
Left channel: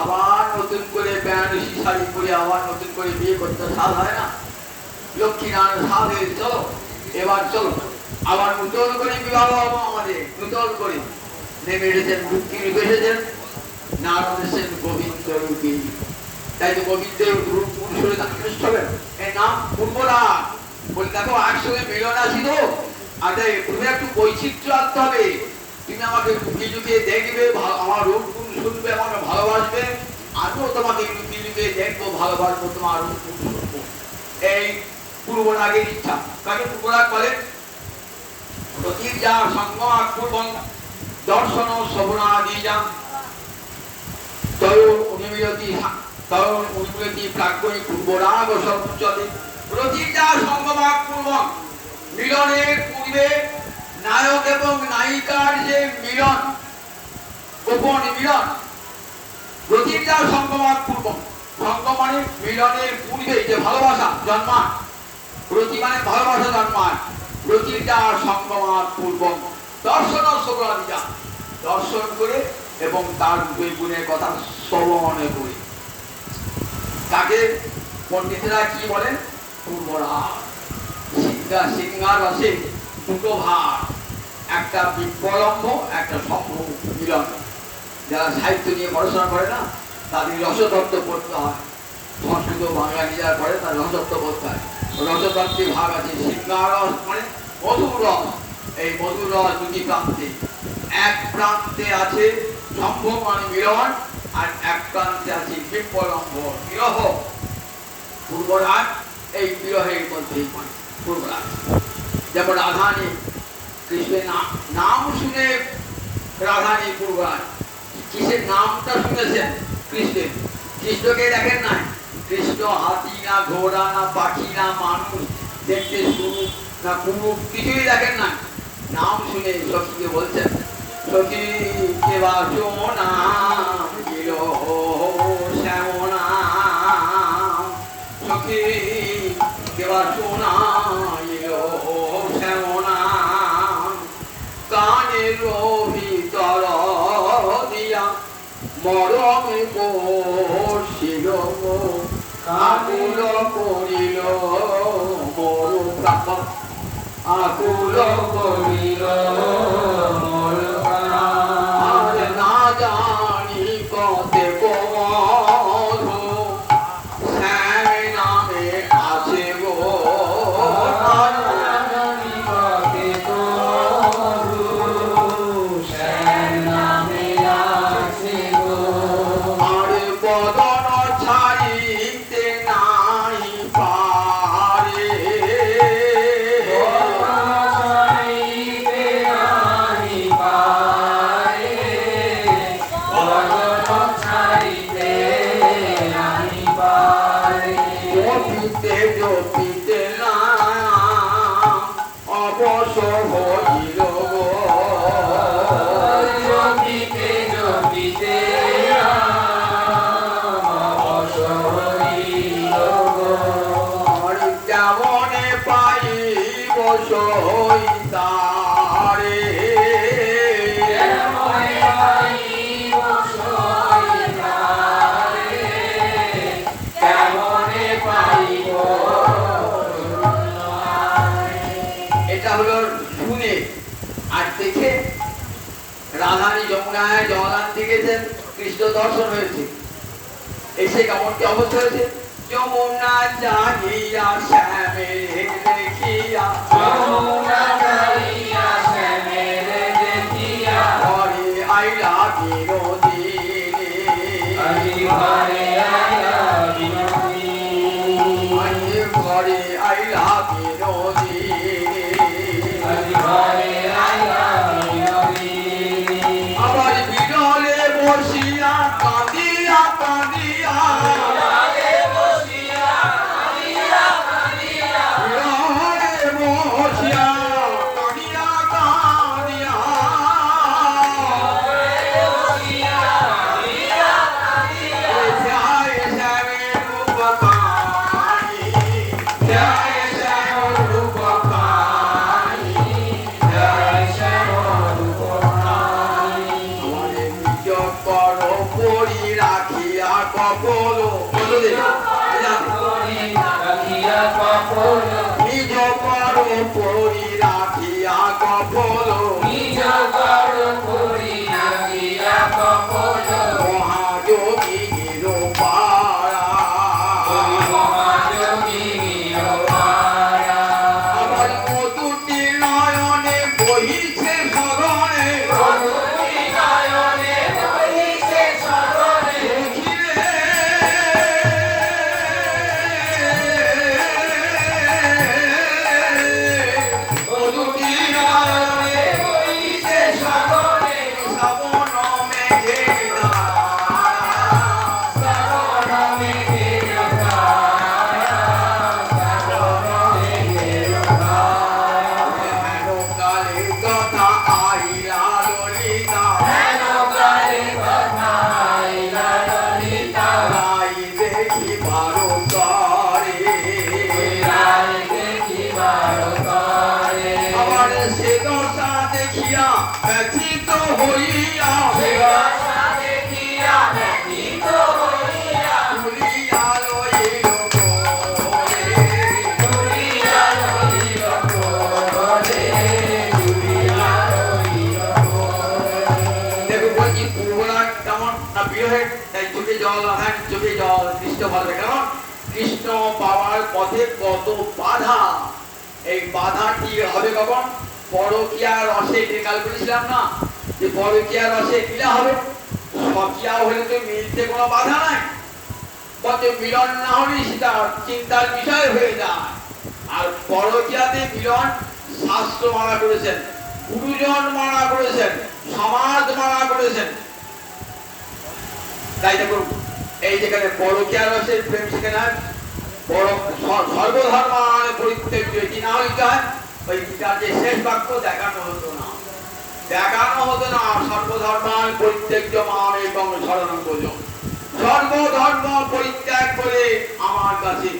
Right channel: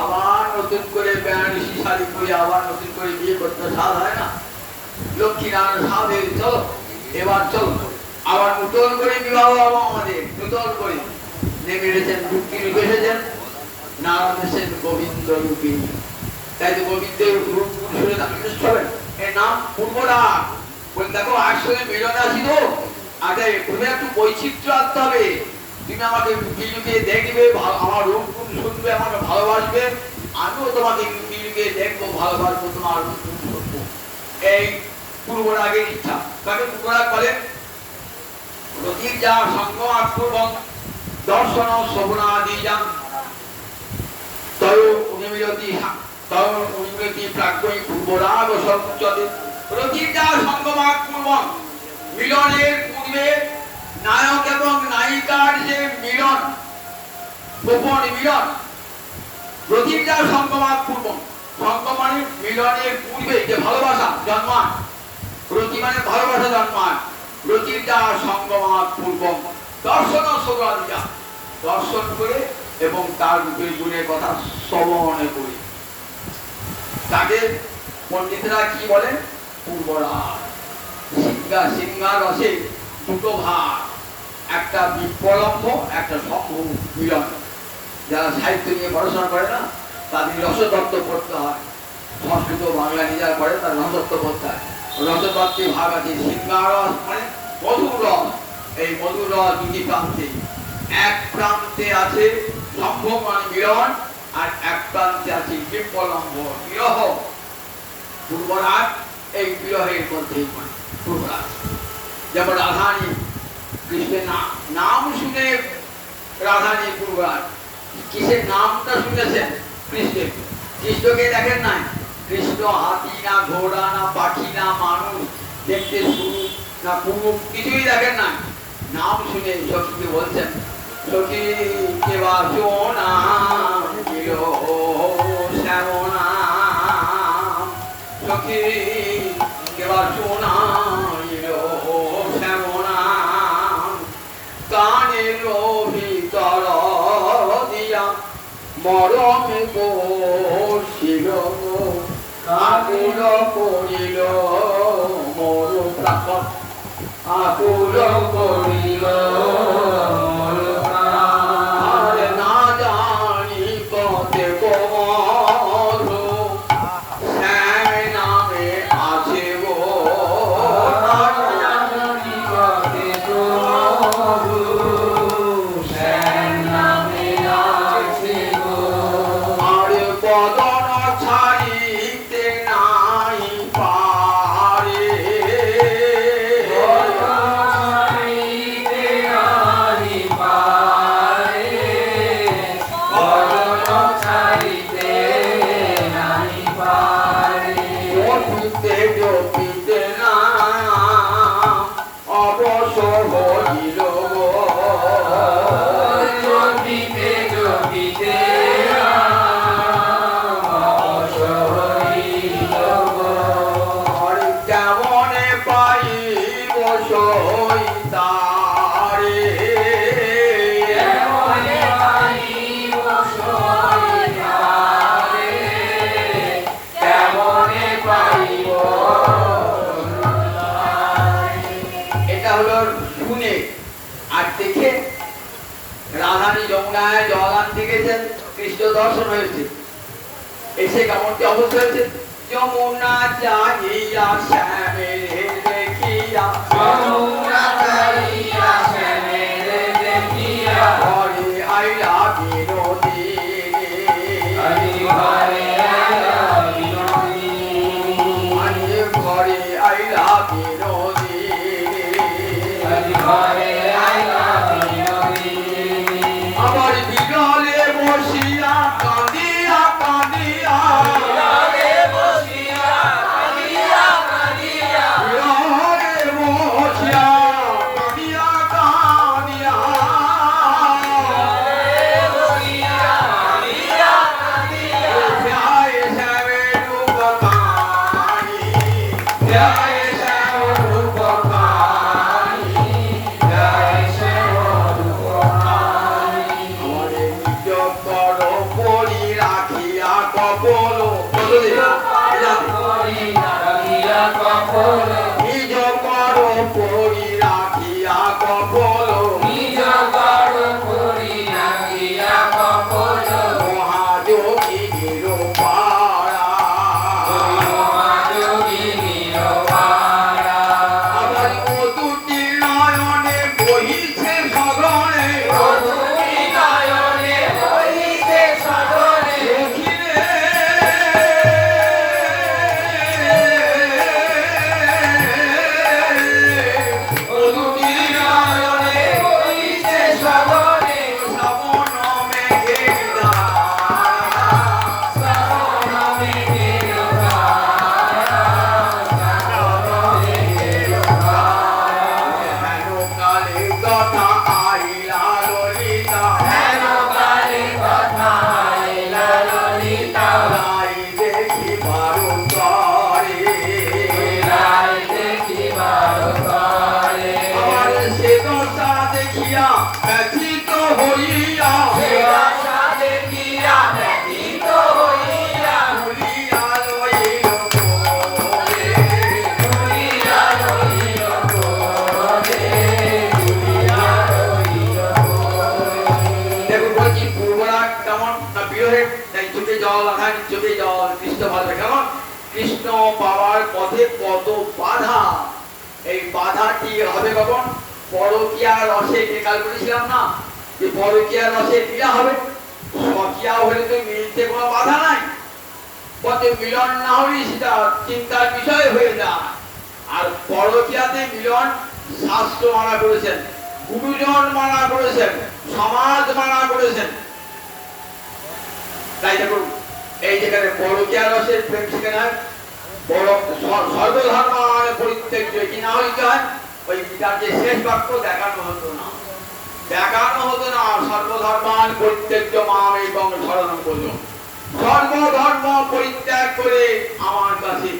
আবার নতুন করে বেনারসি শাড়ি পরে আবার নতুন করে বিয়ে করতে সাধ হয় না? লক্ষ্মী নারায়ণ সাধ হয়ে চলো এবার চলো আবার নতুন করে বিবাহ হবো। আমাদের নতুন করে নেমে এসেছেন রুক্মিণী রূপে এসেছেন, নারায়ণ এসেছেন গোবিন্দ রূপে। তাই তো গোবিন্দের রূপ শুনে আকৃষ্ট হবেন। এর নাম পূর্বরা। বলে দেখো একসঙ্গে মিলন আসিল, আচ্ছা তুমি একটু বৈচিত্র্য আনতে হবে। তুমি আমাকে লুকিয়ে লুকিয়ে দেখবে, আমার রূপ গুণ শুনবে, আমাকে ভালোবাসবে, আমিও তোমাকে লুকিয়ে লুকিয়ে দেখবো, ভালোবাসবো, তোমার রূপ গুণ শুনবো। এই পূর্বরাগের ইচ্ছা। তাকে পূর্বরাগ বলেন রতির যা সঙ্গমা পূর্বং দর্শন শ্রবণাদি যা তয় উনিমিরতি প্রাজ্ঞই পূর্বরাগ সর্বোচ্চতে। রতির যা সঙ্গমা পূর্বং মিলনের পূর্বে নায়ক এবং নায়িকার যে মিলন, গোপন মিলন। রতির যা সঙ্গমাত পূর্ব, সঙ্গম মানে মিলনের পূর্বে যে ভালোবাসা জন্মায়, রতি মানে ভালোবাসা জন্মায়। রতির যা সঙ্গমাত পূর্ব দর্শন শ্রবণাদিজা, দর্শন করে এবং তার রূপের গুণের কথা শ্রবণ করে। তাকে পণ্ডিতরা কি বলেন? পূর্বরাগ। সিংহার রসে 2টো ভাগ, একটা বিপ্লম্ব একটা সম্ভব মিলন। যারা সাহিত্য নিয়ে পড়াশোনা করে না তাদের রসতত্ত্ব পড়তে হয়, সংস্কৃত বাংলা নিজেরা পড়ে তার রসতত্ত্ব পড়তে হয়। রসতত্ত্বের ভাগ আছে। সিংহার রস মানে মধুর রস। এই মধুর রস 2টি প্রান্তে, এক প্রান্তে আছে সম্ভব মানে মিলন, আর এক প্রান্তে আছে বিপ্লম্ব বিরহ। পূর্বরাগ এই বিরহের মধ্যেই পড়ে পূর্বরাগ। যেমন রাধানী, কৃষ্ণের নাম শুনে রাধানী পূর্বরাগ। কিসের নামটা শুনেছেন? কৃষ্ণের। কৃষ্ণকে দেখেন নাই? কৃষ্ণ হাতি না, ঘোড়া না, পাখি না, মানুষ, দেখতে সুরূপ না পুরুষ, কিছুই দেখেন না। নাম শুনে সখীকে বলছেন সখী কেবা সোনা শ্যামনা, সখী কেবা সোনা শ্যামনা, কানের ভিতর দিয়া মরমে বসিল, আকুল করিল মোর প্রাণ। আকুল করিল মোর প্রাণ। আর না জানি কতে মধু শ্যাম নামে আছে গো, না জানি কতে মধু শ্যাম নামে আছে গো। আর বদন ছাড়িতে নাই পারে, জপিতে জপিতে না অবসর হইল গো, জপিতে জপিতে অবসর হইল গো। কেমনে পাইব সইতারে, কেমনে পাইব সইতারে, কেমনে পাইব। এটা হলো শুনে। আর দেখে রাধানী যমুনায় জলগান দেখেছেন, কৃষ্ণ দর্শন হয়েছে, এসে কেমন কি অবস্থা হয়েছে। যমুনা জানিয়া শ্যামের দেখিয়া, যমুনা জানিয়া শ্যামের দেখিয়া, ঘরে আইলা বিনোদিনী, ঘরে আইলা বিনোদিনী, ঘরে আইলা বিনোদিনী, ঘরে আইলা বিনোদিনী। আবার বিরলে বসিয়া কাঁদিয়া কাঁদিয়া, বিরলে বসিয়া কাঁদিয়া কাঁদিয়া, বিরলে বসিয়া কাঁদিয়া কাঁদিয়া, বিরলে বসিয়া কাঁদিয়া কাঁদিয়া, ধ্যায় শ্যামের রূপ কানি, ধ্যায় শ্যামের রূপ কানি, ধ্যায় শ্যামের রূপ কানি। আমারে নিজ কর পরি রাখিয়া কপল, নিজ কর পরি রাখিয়া কপল, নিজ কর পরি রাখিয়া কপল, মহাযোগী নিরুপারা, মহাযোগী নিরুপারা। আবার মধুটি নয়নে বহিছে সগনে, মধুটি নয়নে বহিছে সগনে, দেখিলে মধুটি নয়নে বহিছে সগনে, শ্রাবণ মেঘের ধারা, শ্রাবণ মেঘের ধারা, শ্রাবণ মেঘের ধারা। হেন কালে কথা আইলা ললিতা, হেন কালে কথা আইলা ললিতা, রাই দেখিবার তরে, রাই দেখিবার তরে। আবার সে দশা দেখিয়া ব্যথিত হইয়া, সে দশা দেখিয়া ব্যথিত হইয়া, তুলিয়া লইল কোলে, তুলিয়া লইল কোলে, তুলিয়া লইল কোলে। দেখো বলছি পূর্বরাগ কেমন না বিরহে, তাই চোখে জল লাগান, চোখে জল। কৃষ্ণ ভাবে কেমন, কৃষ্ণ পাওয়ার পথে কত বাধা। এই বাধাটি হবে কখন, পরকীয়া রসে কাল বলেছিলাম না, যে পরকীয়া রসে মিলা হবে। সকিয়া হলে তো মিলতে কোনো বাধা নাই, পথে মিলন না হলে সেটা চিন্তার বিষয় হয়ে যায়। আর পরকীয়াতে মিলন শাস্ত্র মানা করেছেন, গুরুজন মানা করেছেন, সমাজ মানা করেছেন। তাই দেখুন এই যেখানে পরকীয়া রসের প্রেম সেখানে সর্বধর্মানে পরিত্যাজ্য, কি না হইতে হয় ওই গীতার যে শেষ বাক্য দেখানো হতো না, দেখানো হতো না। সর্বধর্মান পরিত্যাজ্য মাম এবং শরণম ব্রজ, সর্বধর্ম পরিত্যাগ করে আমার কাছে।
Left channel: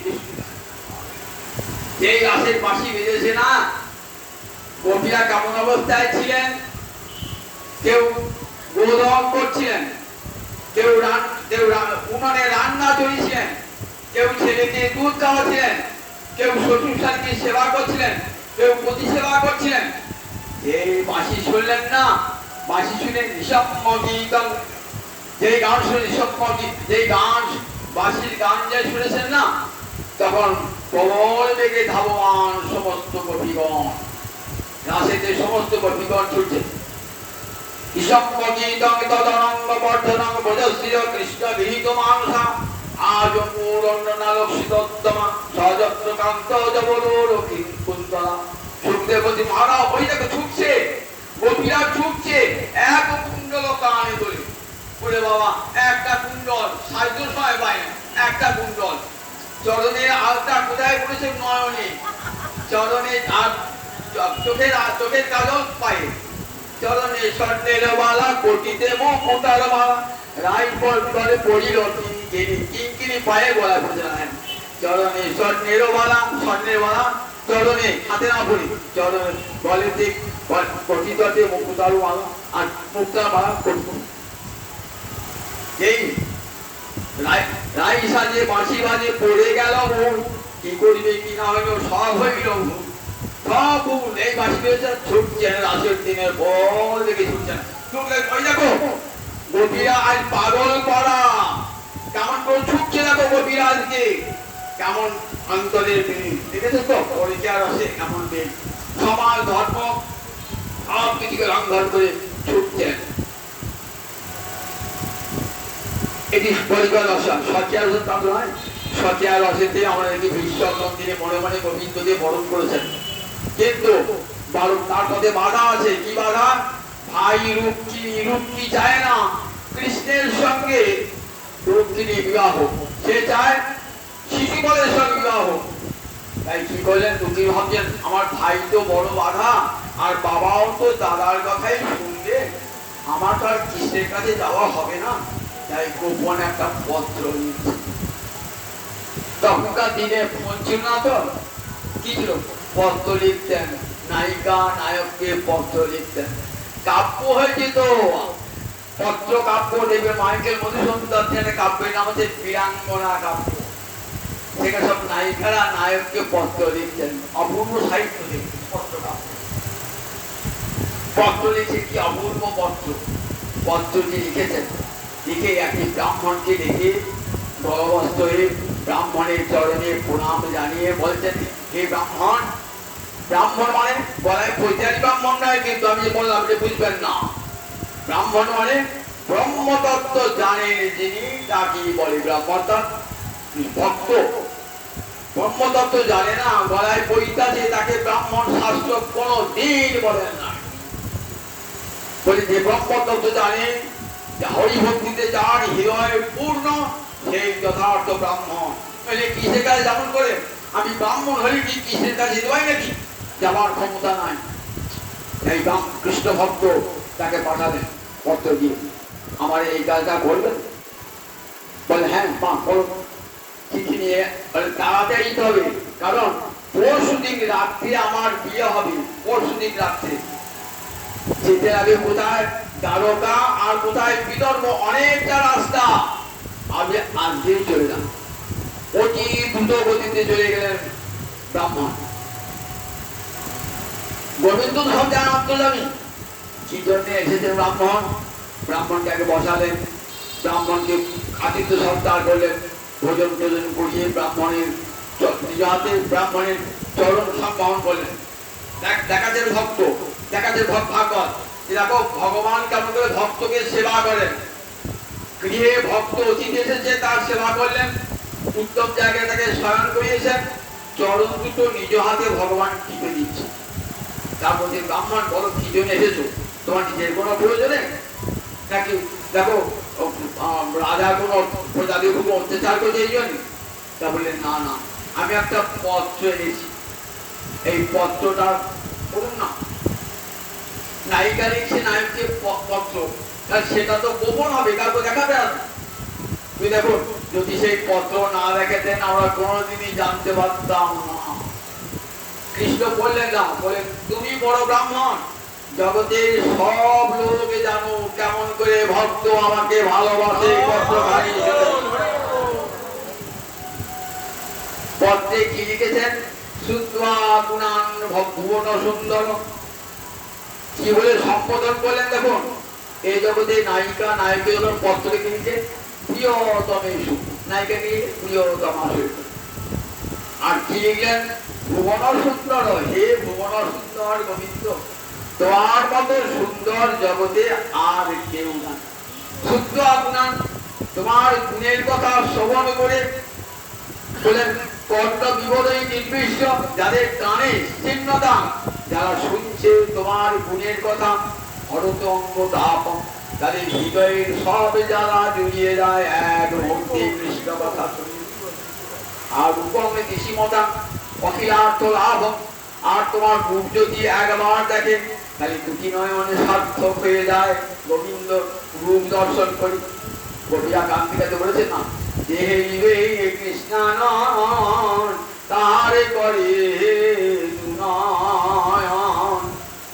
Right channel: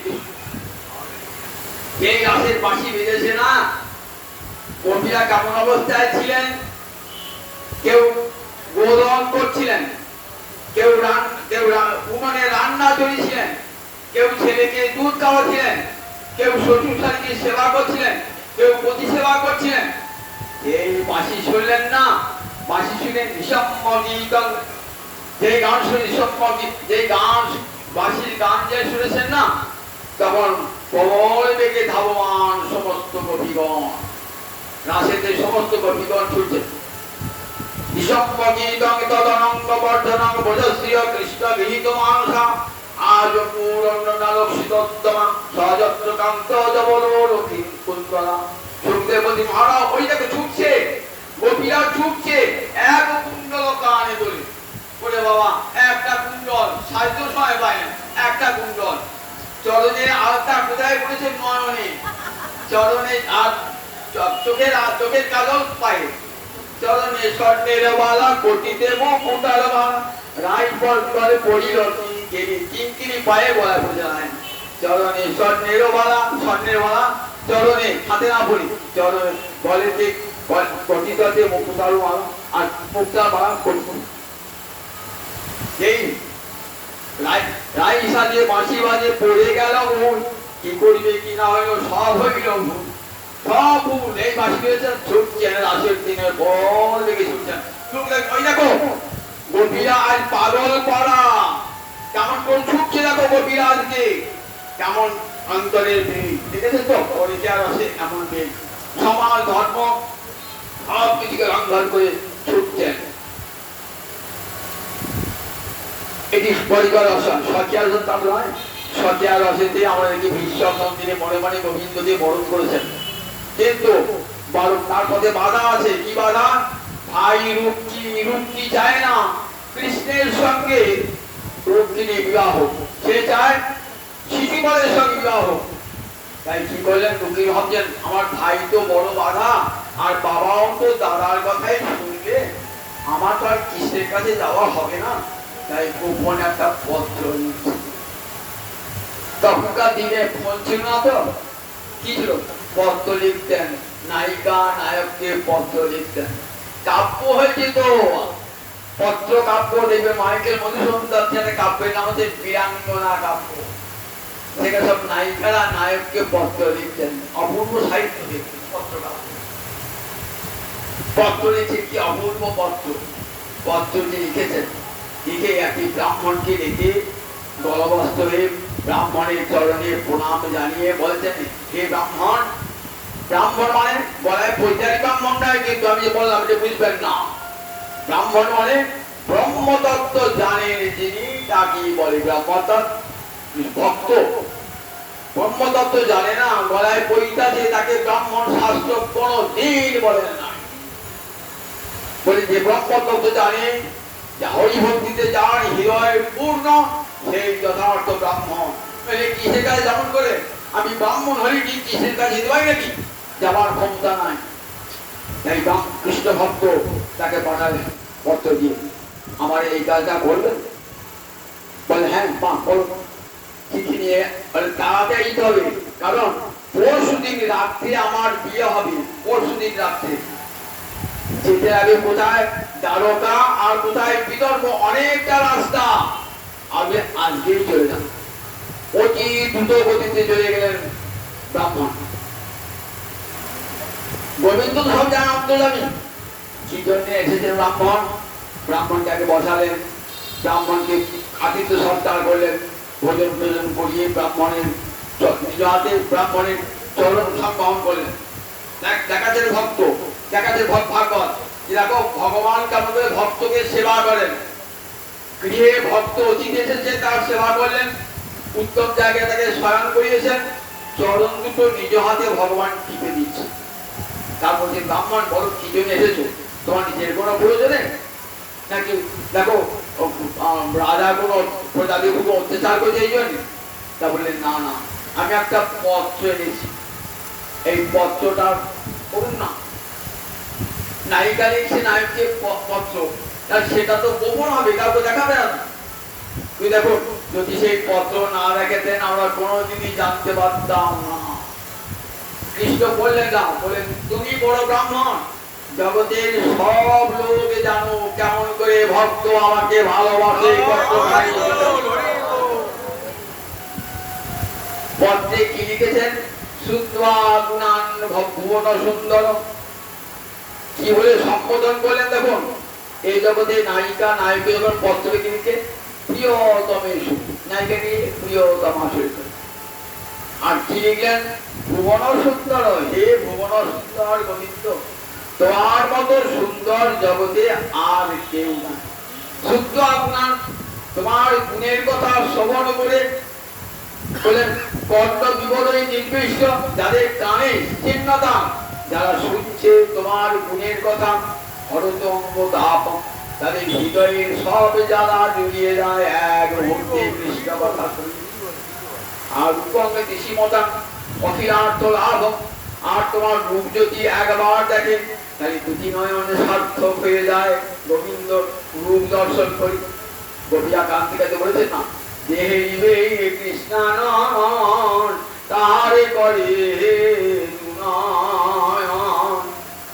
যে গাছের বাঁশি বেজেছে না, কবিরা কেমন অবস্থায় ছিলেন, কেউ গোদন করছিলেন, কেউ উনুনে রান্না চড়িয়েছিলেন, কেউ ছেলেকে দুধ খাওয়াচ্ছিলেন, কেউ শ্বশুর শালীকে সেবা করছিলেন, কেউ পতি সেবা করছিলেন। এই বাঁশি শুনলেন না, বাঁশি শুনে নিঃসম্মতিকং, যেই গান শুনে নিঃসম্মতি, যেই গান বাঁশির গান যে শুনেছেন না, তখন প্রবল বেগে ধাবমান সমস্ত গোপীগণ, রাসেতে সমস্ত গোপীগণ ছুটছে। নিঃসম্মতিকং তদনঙ্গ বর্ধনং ভজস্য কৃষ্ণ বিহিত মানসা আজ পূরণ্যনালক্ষিতোত্তমা সযত্র কান্ত জবলোরকি কুন্তলা। সুখদেব বলছি মহারাজ ওই দেখো ছুটছে, গোপীরা ছুটছে, এক কুণ্ডল কানে বলে বলে বাবা একটা কুণ্ডল সাহিত্য সময় পায় না, একটা কুণ্ডল চরণের আলতা কোথায় পড়েছে নয়নে, চরণে আর চোখের কাজল পায়ে, চরণে স্বর্ণের বালা গতিতে মুতার বালা রাই পর করে পড়িল কিঙ্কিনি পায়ে গলায় পড়ে নাই। চরণে স্বর্ণের বালা, স্বর্ণের বালা চরণে, হাতে না পড়ি, চরণে গলেতে গঠিততে মুক্তার বালা আর মুক্তার বালা করত। এই রাই সাজে বাঁশি বাজে পড়ে গেল ভুল, কি করবে কি না হইল সব হইল ভুল, সব ভুল। এই বাঁশি পেয়েছে ছুটছেন রাসের দিনের পর দেখে ছুটছেন। ওই দেখো গোপীরা আজ পাগল পড়া, কেমন করে ছুটছে দেখো গোপীরা আজকে, কেমন অন্তরের বেগ দেখেছে তো, পরিচয় রসে কেমন বেগ, সমাজ ধর্ম সব কিছুকে লঙ্ঘন করে ছুটছেন। এটি পরিবার রসন, সখিয়া রসন তা নয়, সখিয়া রসেতে আমরা দেখি ভীষ্ম মন্দিরে মনে মনে গোবিন্দ দিয়ে বরণ করেছেন, কিন্তু তার পথে বাধা আছে। কি বাধা? ভাই রুক্মিণী চায় না কৃষ্ণের সঙ্গে রুক্মিণী বিবাহ, সে চায় শিশুপালের সঙ্গে বিবাহ। তাই কি করলেন, রুক্মিণী ভাবছেন আমার ভাই তো বড় বাধা, আর বাবাও তো দাদার কথাই শুনলে, আমার তো আর কৃষ্ণের কাছে যাওয়া হবে না। তাই গোপন একটা পত্র লিখছে। তখনকার দিনে ফোন ছিল না তো, কি ছিল, পত্র লিখতেন, নায়িকা নায়ককে পত্র লিখতেন। কাব্য হয়েছে তো, পত্র কাব্য দেখবে মাইকেল মধুসূদন দত্তের কাব্যের নাম হচ্ছে বীরাঙ্গনা কাব্য। সেখানে সব নায়িকারা নায়ককে পত্র লিখতেন, অপূর্ব সাহিত্য দেখতেন পত্র কাব্য। পত্র লিখে কি অপূর্ব পত্র, পত্রটি লিখেছেন, লিখে একটি ব্রাহ্মণকে ডেকে গলবস্ত হয়ে ব্রাহ্মণের চরণে প্রণাম জানিয়ে বলছেন, হে ব্রাহ্মণ, ব্রাহ্মণ মানে বলায় পৈতারি ব্রাহ্মণ নয়, কিন্তু আমি যে বললাম যে বুঝবেন না, ব্রাহ্মণ মানে ব্রহ্মতত্ত্ব জানেন যিনি তাকে বলে ব্রহ্মতত্ত্ব, ভক্ত। ব্রহ্মতত্ত্ব জানে না, গলায় পৈতাছে, তাকে ব্রাহ্মণ শাস্ত্র কোনো দিন বলেন না। বলে যে ব্রহ্মতত্ত্ব জানে, হরিভক্তিতে যার হৃদয় পূর্ণ, সেই যথার্থ ব্রাহ্মণ। কিসের কাছে যেমন করে আমি ব্রাহ্মণ হলে কি কিসের কাছে দেওয়াই নাকি, যাওয়ার ক্ষমতা নাই। তাই কৃষ্ণ ভক্ত তাকে পাঠালেন পত্র দিয়ে, আমার এই কাজটা করবেন? বলে হ্যাঁ মা করব। চিঠি নিয়ে বলে তাড়াতাড়ি যেতে হবে, কারণ পরশু দিন রাত্রে আমার বিয়ে হবে, পরশু দিন রাত্রে। যেতে আগে কোথায় দ্বারকা আর কোথায় বিদর্ভ, অনেকটা রাস্তা, আমি আজকেই চলে যান। অতি দ্রুত গতিতে চলে গেলেন ব্রাহ্মণ। গোবিন্দ সব জানান তো জানি কি জন্য এসেছেন ব্রাহ্মণ। ব্রাহ্মণকে আগে বসালেন, ব্রাহ্মণকে আতিথ্য সৎকার করলেন, ভোজন টোজন করিয়ে ব্রাহ্মণের নিজ হাতে ব্রাহ্মণের চরণ সম্বহন করলেন। দেখাচ্ছেন ভক্ত, দেখাচ্ছেন ভাগবত, দেখো ভগবান কেমন করে ভক্তকে সেবা করেন। গৃহে ভক্ত অতিথি এসেছে, তার সেবা করলেন, উত্তম জায়গায় তাকে শয়ন করিয়েছেন, চরণ দুটো নিজ হাতে ভগবান টিপে দিচ্ছে। তারপর যে ব্রাহ্মণ বলো কি জন্য এসেছো, তোমার নিজের কোনো প্রয়োজনে নাকি দেখো রাজা কোনো প্রজাদের উপর অত্যাচার করছে এই জন্য? তা বললেন না না, আমি একটা পত্র এনেছি, এই পত্রটা করুন না। নায়িকা লিখছে নায়ককে পত্র, সেটা তো গোপন হবে, কাউকে দেখাবে না। তুই দেখো যদি সেই পত্র না দেখাতেন আমরা কোনোদিনই জানতে পারতাম না। কৃষ্ণ বললেন না, বলেন তুমি বড় ব্রাহ্মণ, জগতের সব লোক জানো কেমন করে ভক্ত আমাকে ভালোবাসে। পত্রে কি লিখেছেন, শুদ্ধা গুণান ভুবন সুন্দর, কি বলে সম্বোধন করলেন দেখুন। এই জগতে নায়িকা নায়ক যখন পত্র কিনেছে প্রিয়তমে সুখ, নায়িকা নিয়ে প্রিয়তমা সহিত, আর কি লিখলেন ভুবন সুন্দর, হে ভুবন সুন্দর গোবিন্দ, তোমার মতো সুন্দর জগতে আর কেউ না। শুদ্ধ গুণান, তোমার গুণের কথা শ্রবণ করে বলেন কর্ণ বিবরণী নির্বিষ্ট, যাদের কানে চিহ্নতা, যারা শুনছে তোমার গুণের কথা, হরতঙ্গ তাপ, তাদের হৃদয়ের সব জ্বালা জড়িয়ে যায় এক মুহূর্তে কৃষ্ণ কথা শুনি। আর রূপমে কৃষিমতা অখিলার্থ লাভ, আর তোমার রূপ যদি একবার দেখে তাহলে দুটি নয়নে সার্থক হয়ে যায় গোবিন্দ রূপ দর্শন করি। গোপিয়া কান্তিকাতে বলেছে না, দেহে কৃষ্ণানন তারে করে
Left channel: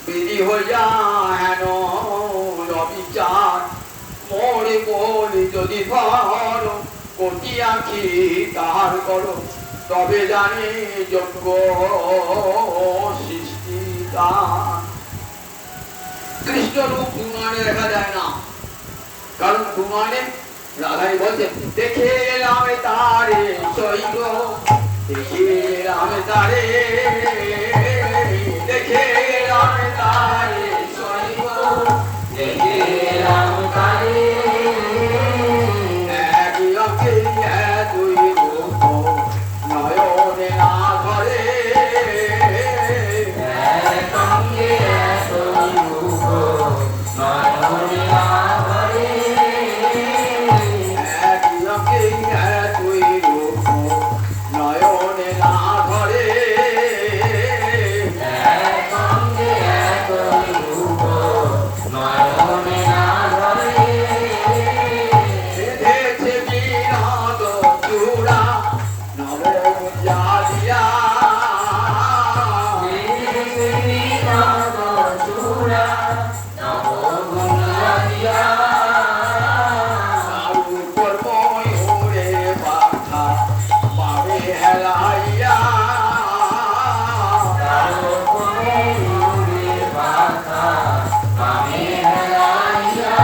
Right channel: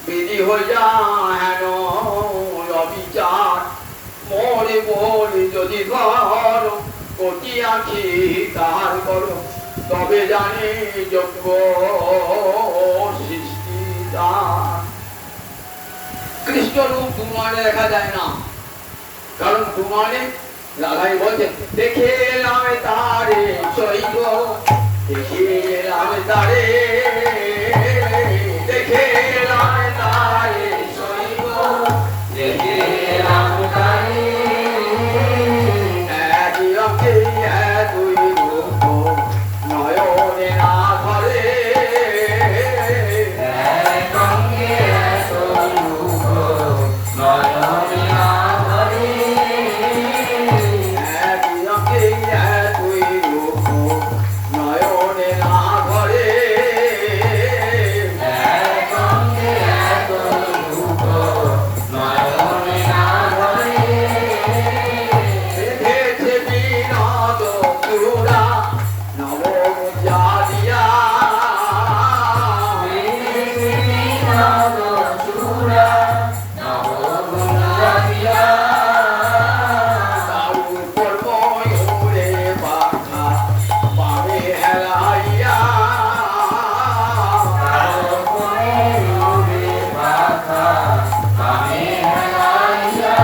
বিধি হইয়া হেন অবিচার, মোরে মোরে যদি ধর কোটি আঁখি তাহার করো, তবে জানে যোগ্য সৃষ্টি তার। কৃষ্ণ রূপ দুনয়নে দেখা যায় না, কারণ দুনয়নে রাধাই বলছেন দেখে এলাম তারে সইব, দেখে এলাম তারে, দেখে এলাম তারে সইব, দেখে এলাম তারে, এক রঙে দুই রূপ নয়নে না ধরে, এক রঙে দুই রূপ নয়নে না ধরে, এক রঙে দুই রূপ নয়নে না ধরে, এক রঙে দুই রূপ নয়নে না ধরে, বেঁধেছে বিনোদ চূড়া নব জালিয়া, বেঁধেছে বিনোদ চূড়া নব জালিয়া, তার উপর ময়ূরে পাখা পাবে হেলাইয়া, তার উপর ময়ূরে পাখা পাবে হেলাইয়া,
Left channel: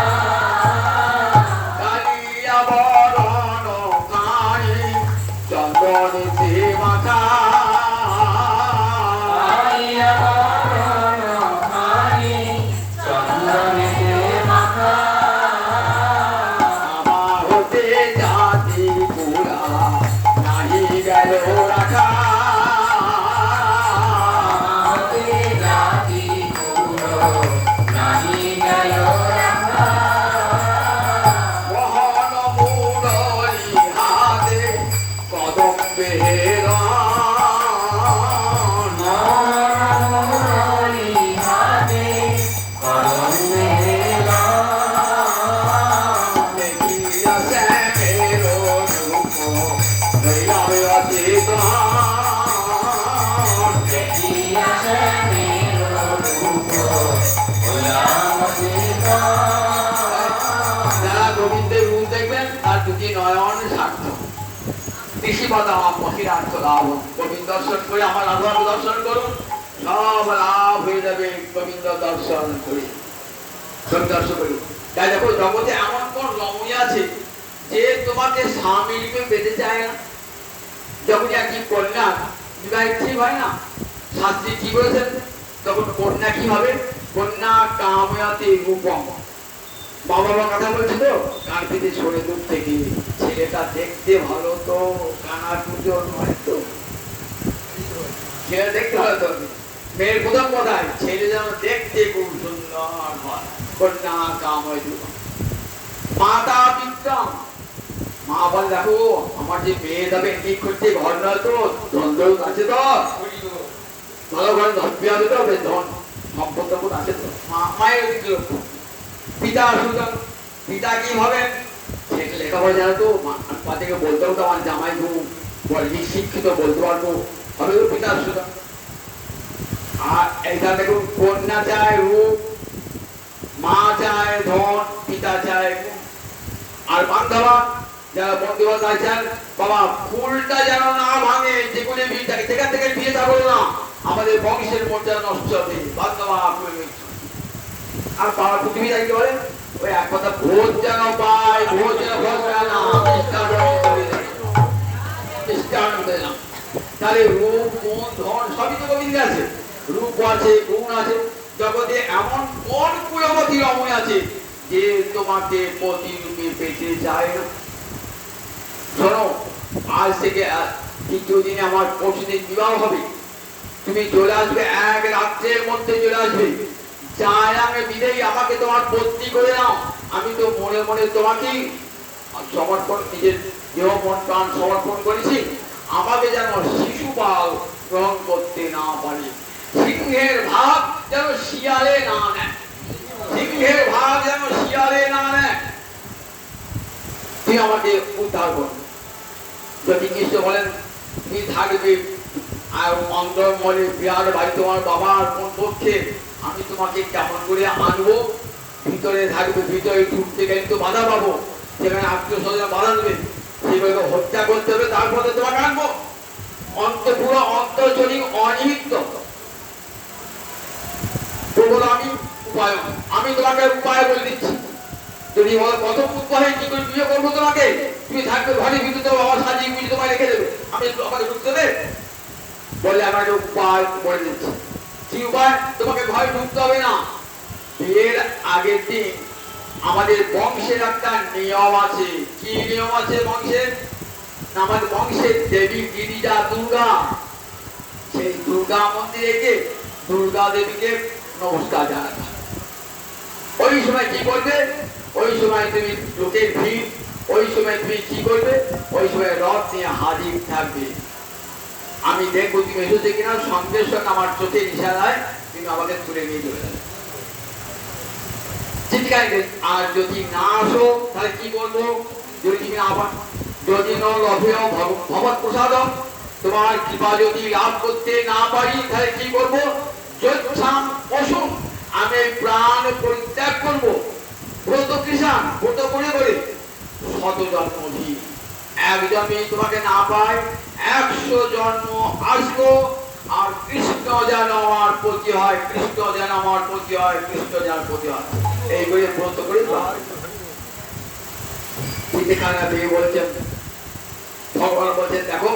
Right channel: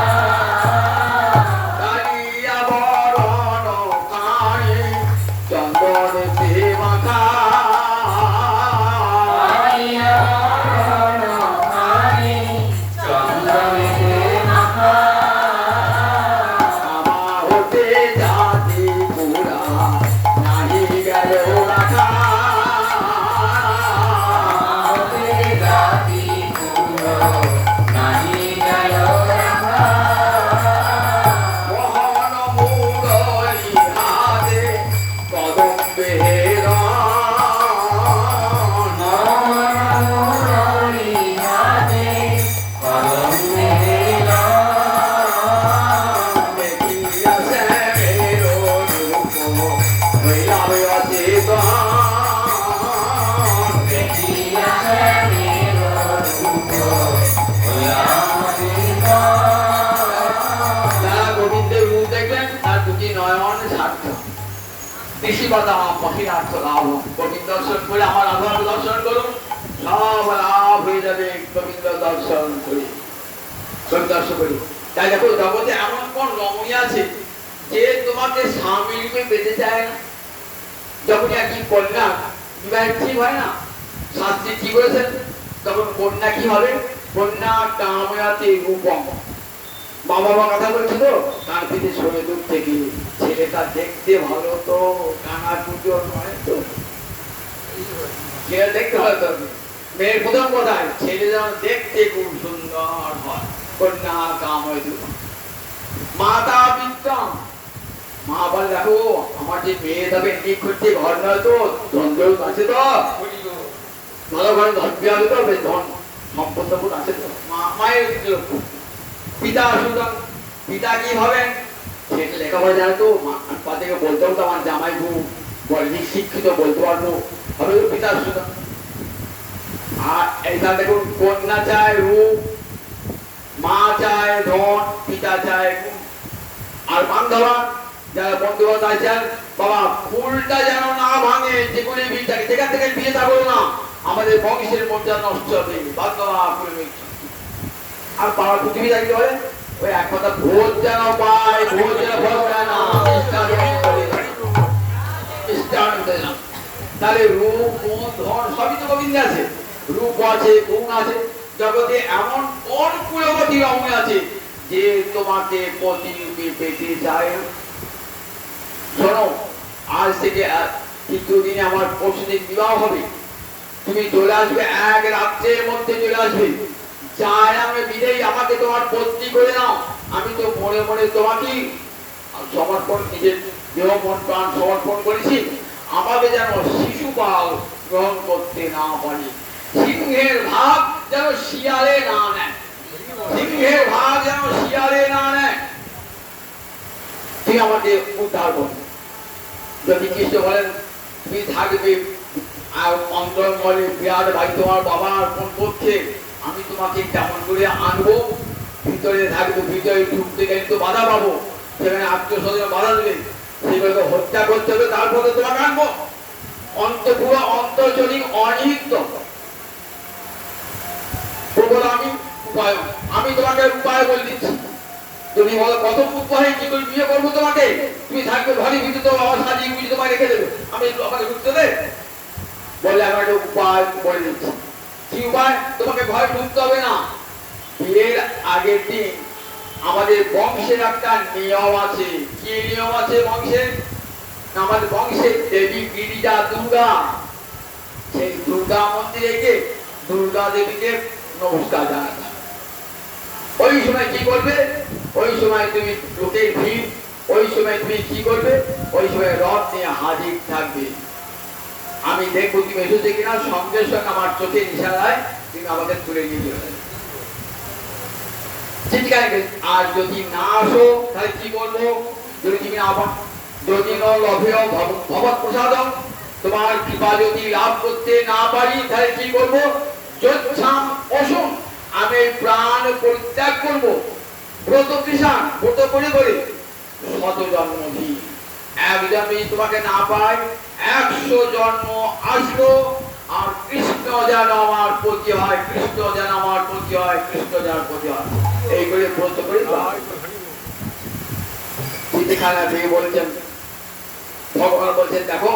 কালিয়া বরণ কানে চন্দনেতে মাখা, কালিয়া বরণ কানে চন্দনেতে মাখা, আমার হতে জাতি পুরা নাহি গেল রাখা, আমার হতে জাতি পুরা নাহি গেল রাখা, মোহন মুরলী হাতে কদম্বে হেরণ, মোহন মুরলী হাতে কদম্বে হেরণ, দেখিয়া শ্যামের রূপ হইলাবে অচেতন, দেখিয়া শ্যামের রূপ হইলাম অচেতন। যারা গোবিন্দের রূপ দেখবেন তার দুটি নয়ন সার্থক, কৃষিপাতা মহিলার্থ লাভ। গোবিন্দ দর্শন করে আমার রাধাকে দর্শন করুন, সব লাভ হয়ে যাবে গোবিন্দ দর্শন করে, দর্শন করি। তাই দেখো জগতে এমন কোন রমণী আছে যে তোমাকে স্বামী রূপে পেতে চায় না। যখন একই কন্যা বিবাহের ঠিক হয় না, শাস্ত্রী কি বলেছেন, তখন কন্যা কি হবে, কন্যা কাময়াতে রূপম। মা বাবা কথা বলছে তো কান পিঠে সরে দূর থেকে, ছেলেটা দেখতে ভালো তো কানার পুজো নয় তো, ছেলে দেখতে ভালো তো। মেয়ের প্রথম কথায় ছেলে যেন দেখতে খুব সুন্দর হয়, কন্যা কাময় রূপম। মাতা বিত্তম, মা বল দেখো আমার যে মেয়ে যাবে ঠিক করতে ঘর নয় তো, দ্বন্দ্ব আছে তো, ভালো ঘরে ধন বিয়ে তো, ধন সম্পদ আছে তো, মায়ের দিকে লক্ষ্য। পিতা সুতরাং পিতা কি ভাবেন, ছেলে লেখাপড়া জানে তো, মা থেকে বলতে হতো আমার জামাই খুব শিক্ষিত, বলতে পারবো, হবে তো পিতা সুতরাং। আর এইটা দেখুন কন্যা চায় রূপ, মা চায় ধন, পিতা চায় গুণ। আর বান্ধবা যারা বন্ধুবান্ধব আছেন বাবা ফুলটা যেন না ভাঙে, যেগুলি যেখান থেকে বিয়েটা করো না, আমাদের বংশের মর্যাদা নষ্ট হবে। বান্ধবা আর পাড়া পৃথিবী থাকতে পারে ওই এক কথা, ভোজ যেন পায়, ভোজ যেন ভোজ পায় না, তাহলে রূপ গুণ ধন সবই তো গোবিন্দ আছে, রূপ আছে গুণ আছে, জগতে এমন কোন কুলবতী রমণী আছে যে তোমাকে প্রতিরূপে পেতে চায়? শোনো, আজ থেকে তৃতীয় দিনে আমার পরশুদিন বিবাহ হবে, তুমি চলে আসবে, এক রাত্রের মধ্যে চলে আসবে। চাই আমি বিদেয়ী আমাকে তোমার পত্নী করে নাও, আমি তো মনে মনে তোমাকে সমর্পণ, নিজের দেহ মন প্রাণ সমর্পণ করেছি। আমাকে যেন শিশুপাল গ্রহণ করতে না পারে, সিংহের ভাগ যেন শিয়ালে না নেয়, সিংহের ভাগ যেন শিয়ালে না নেয়। তুমি আমাকে উদ্ধার করবে। যদি কৃষ্ণ বলেন তুমি থাকবে আর অন্তর্মলে বিরাট ভাই তোমার বাবার কোন পক্ষে, আমি তোমাকে কেমন করে আনবো? ভিতরে থাকবে, ভিতরে ঢুকতে গেলে তো বাধা পাবো, সেখানে আত্মীয়-স্বজন বাধা দেবে, সেগুলোকে হত্যা করতে হবে, তারপরে তোমাকে আনবো। অন্তপুর অন্তর্জনী অনিহিত প্রবল আমি উপায়, আমি তোমাকে উপায় বলে দিচ্ছি। তুমি বলো কত উপায় কি করে বিয়ে করবো তোমাকে? তুমি থাকবে ঘরে ভিতরে, তো আমার সাজিয়ে বুঝি তোমায় রেখে দেবে, আমি আমাকে ঢুকতে দেবে? বলে আমাকে উপায় বলে দিচ্ছি। কি উপায়? তোমাকে ঘরে ঢুকতে হবে না। বিয়ের আগের দিন আমাদের বংশের একটা নিয়ম আছে। কি নিয়ম আছে বংশের? আমাদের বংশের দেবী গিরিজা দুর্গা, সেই দুর্গা মন্দিরে গিয়ে দুর্গা দেবীকে নমস্কার জানাতে। ওই সময় কি করবে? ওই সময় তুমি লোকের ভিড়, ওই সময় তুমি কি করবে? ওই সময় রথ নিয়ে হাজির থাকবে। আমি দেখবো তুমি এসেছে কিনা, সঙ্গে সঙ্গে আমার চোখের ইশারায় তুমি আমাকে তুলে নিয়ে চলে যাবে। আর যদি না আসো তাহলে কি করবো? যদি তুমি না পান, যদি ভগবত প্রসাদম, তোমার কৃপা যদি লাভ করতে না পারি তাহলে কি করবো? যচ্ছাম অসুন, আমি প্রাণ পরিত্যাগ করবো। ব্রত কৃষাণ, ব্রত করে করে শত জন্ম ধি, এক জন্মে তোমাকে না পাই 100 জন্ম আসলো, আর কৃষ্ণ যেন আমার প্রতি হয়, কৃষ্ণ যেন আমার প্রতি হয়, কৃষ্ণ যেন প্রতি হয়, এই করে ব্রত করে চিঠিখানা দিয়ে বলছেন, ভগবান বলছেন দেখো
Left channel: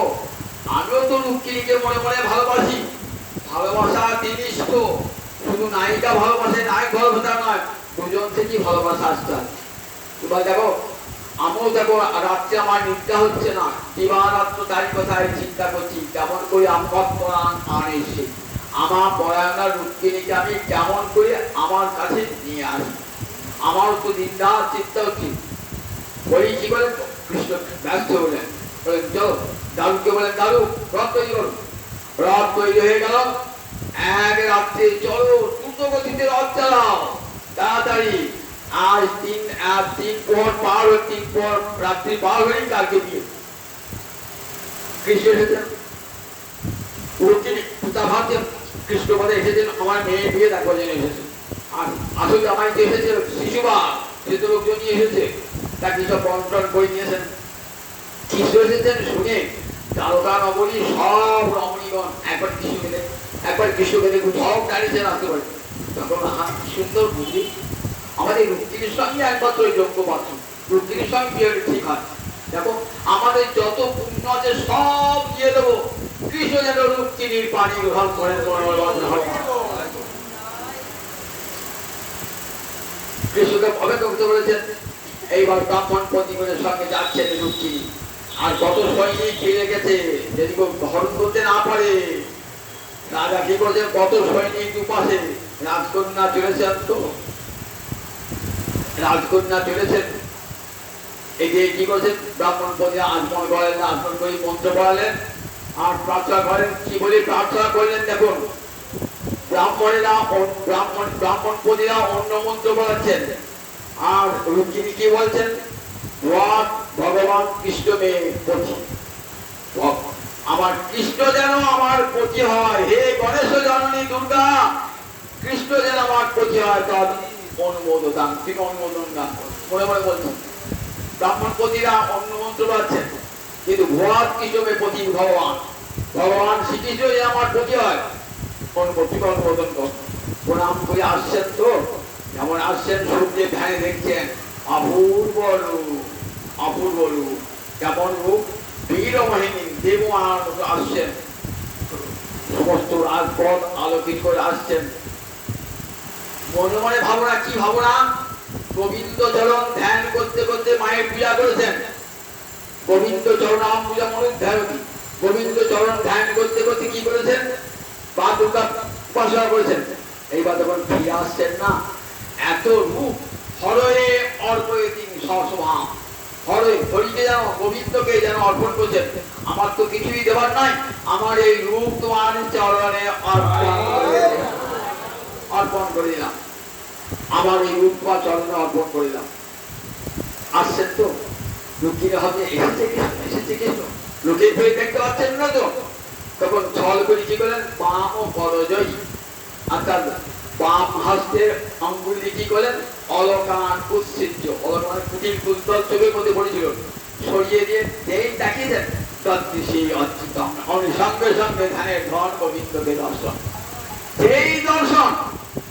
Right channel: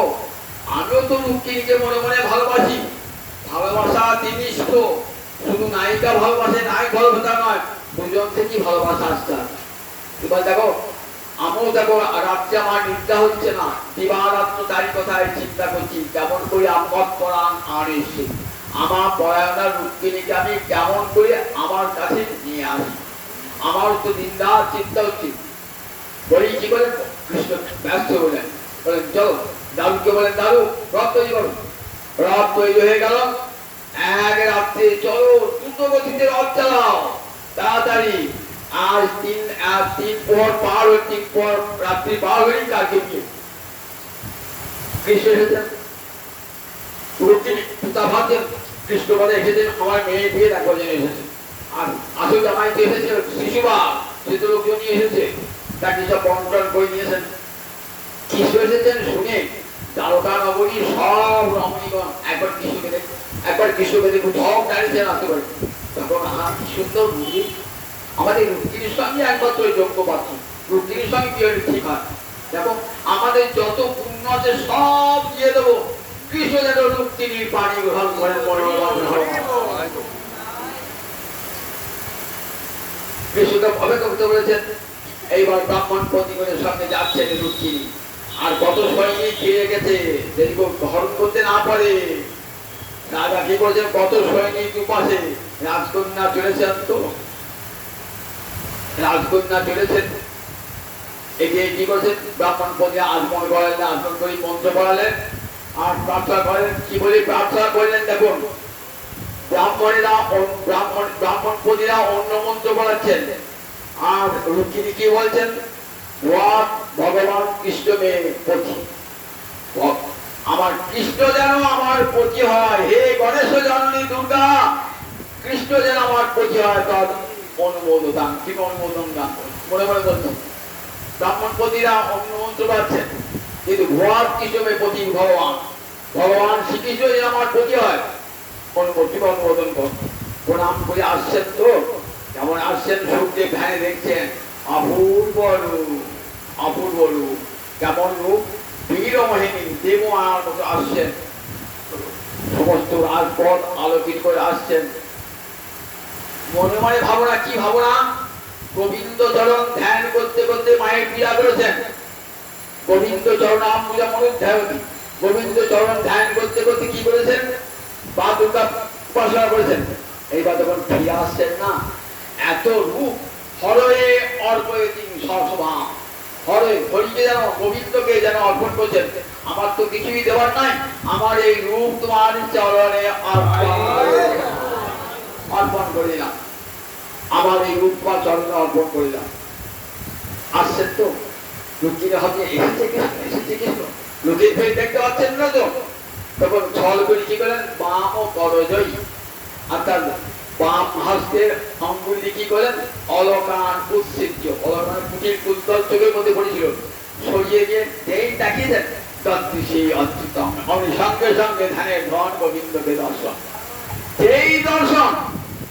আমিও তো রুক্মিণীকে মনে মনে ভালোবাসি, ভালোবাসা জিনিস তো শুধু নায়িকা ভালোবাসে, নায়ক ভালোবাসা নয়, দুজন থেকেই ভালোবাসা আসছে। এবার দেখো আমিও দেখো রাত্রে আমার নিদ্রা হচ্ছে না, দিবারাত্র তারই কথায় চিন্তা করছি, কেমন করে আপদ পরাণ আনেছে আমার পরায়ণা রুক্মিণীকে আমি কেমন করে আমার কাছে নিয়ে আসি। আমারও তো নিন্দা চিন্তা হচ্ছে। বলি কি বলেন? কৃষ্ণ ব্যস্ত বলেন, বলেন চলো দাদুকে বলেন দাদু রথ তৈরি করো। রথ তৈরি হয়ে গেল, এক রাত্রে চলো দ্রুত গতিতে রথ চালাও তাড়াতাড়ি। আজ তিন পর পার হয়ে, তিন পর রাত্রি পার হয়েই কালকে বিয়ে। কৃষ্ণ এসেছেন, পিতা ভাবছেন কৃষ্ণ বলে এসেছেন আমার মেয়ে বিয়ে দেখো জেনে এসেছেন। আর আসল জামাই তো এসেছে শিশুবা, সে তো লোকজন নিয়ে এসেছে, তাকে সব বন্টন করে নিয়েছেন। কৃষ্ণ এসেছেন শুনে দ্বারকা নগরী সব রমণীগণ একবার কৃষ্ণকে দেখুন, সব দাঁড়িয়েছেন আসতে পারে। তখন কি সুন্দর বুঝি, আমাদের রুক্মিণীর সঙ্গে একমাত্র যোগ্য পাত্র, রুক্মিণীর সঙ্গে বিয়ে ঠিক হয়। দেখো আমাদের যত পুণ্য আছে সব দিয়ে দেবো, কৃষ্ণ যেন রুক্মিণীর পানি গ্রহণ করেন। কৃষ্ণকে অপেক্ষা বলেছেন। এইবার ব্রাহ্মণ পত্নীগণের সঙ্গে যাচ্ছেন রুক্মিণী, আর কত সৈনিক ফিরে গেছে, যদি গ্রহণ করতে না পারে রাজা কি করছেন, কত সৈনিক উপাসে রাজকন্যা চলেছেন, তো রাজকন্যা চলেছেন, এগিয়ে কি করছেন ব্রাহ্মণ পদে আগমন করেন, আগমন করে মন্ত্র পড়ালেন আর প্রার্থনা করেন। কি বলে প্রার্থনা করলেন দেখুন, ব্রাহ্মণ পদীরা অন্য মন্ত্র পড়াচ্ছেন, আর রুক্মিণী কি বলছেন, ভগবান কৃষ্ণ মেয়ে পতি, আমার কৃষ্ণ যেন আমার পতি হয়, হে গণেশ জননী দুর্গা, কৃষ্ণ যেন আমার পতি হয়, তার অনুমোদন দান, কি অনুমোদন দান মনে মনে বলছেন। ব্রাহ্মণপতিরা অন্য মন্ত্র পাচ্ছেন, কিন্তু ভগবান কৃষ্ণের পতি ভগবান ভগবান শ্রীকৃষ্ণই আমার পতি হয়। অনুমোদিত অনুমোদন কর প্রণাম করে আসছেন, তো যেমন আসছেন সূর্যের ধ্যানে দেখছেন অপূর্ব রূপ, অপূর্ব রূপ, কেমন রূপ, বীরমহিনী দেব আসছেন, সমস্ত রাজপথ আলোকিত করে আসছেন। মনে মনে ভাবনা, কি ভাবনা, গোবিন্দ চরণ ধ্যান করতে করতে মায়ের পূজা করেছেন। গোবিন্দ চরণ আম পূজা মনুক ধ্যায়তি, গোবিন্দ চরণ ধ্যান করতে করতে কি করেছেন, বা দুর্গা উপাসনা করেছেন। এইবার যখন ফিরে আসছেন না, এত রূপ, হরে অর্পয়তি সসভা, হরে হরিকে যেন গোবিন্দকে যেন অর্পণ করছেন, আমার তো কিছুই দেবার নাই, আমার এই রূপ তোমার চরণে অর্পণ করে দিলাম, আমার এই রূপ তোমার চরণে অর্পণ করিলাম। আসছেন তো, লুকিয়ে হাতে এসেছে কৃষ্ণ, লুকিয়ে ফেলে দেখতে পাচ্ছেন না তো, তখন ছল করে কি করলেন, বাম ও করজয়ী, অর্থাৎ বাম হস্তের আঙ্গুলি কি করেন, অলকান উৎসিজ্য, অলকানের কুটির কুন্তল চোখের মধ্যে পড়েছিল, সরিয়ে দিয়ে এই দেখিয়েছেন তদ্দৃশী অচ্যুতম, আমি সঙ্গে সঙ্গে ধ্যানের ধন গোবিন্দকে দর্শন, এই দর্শন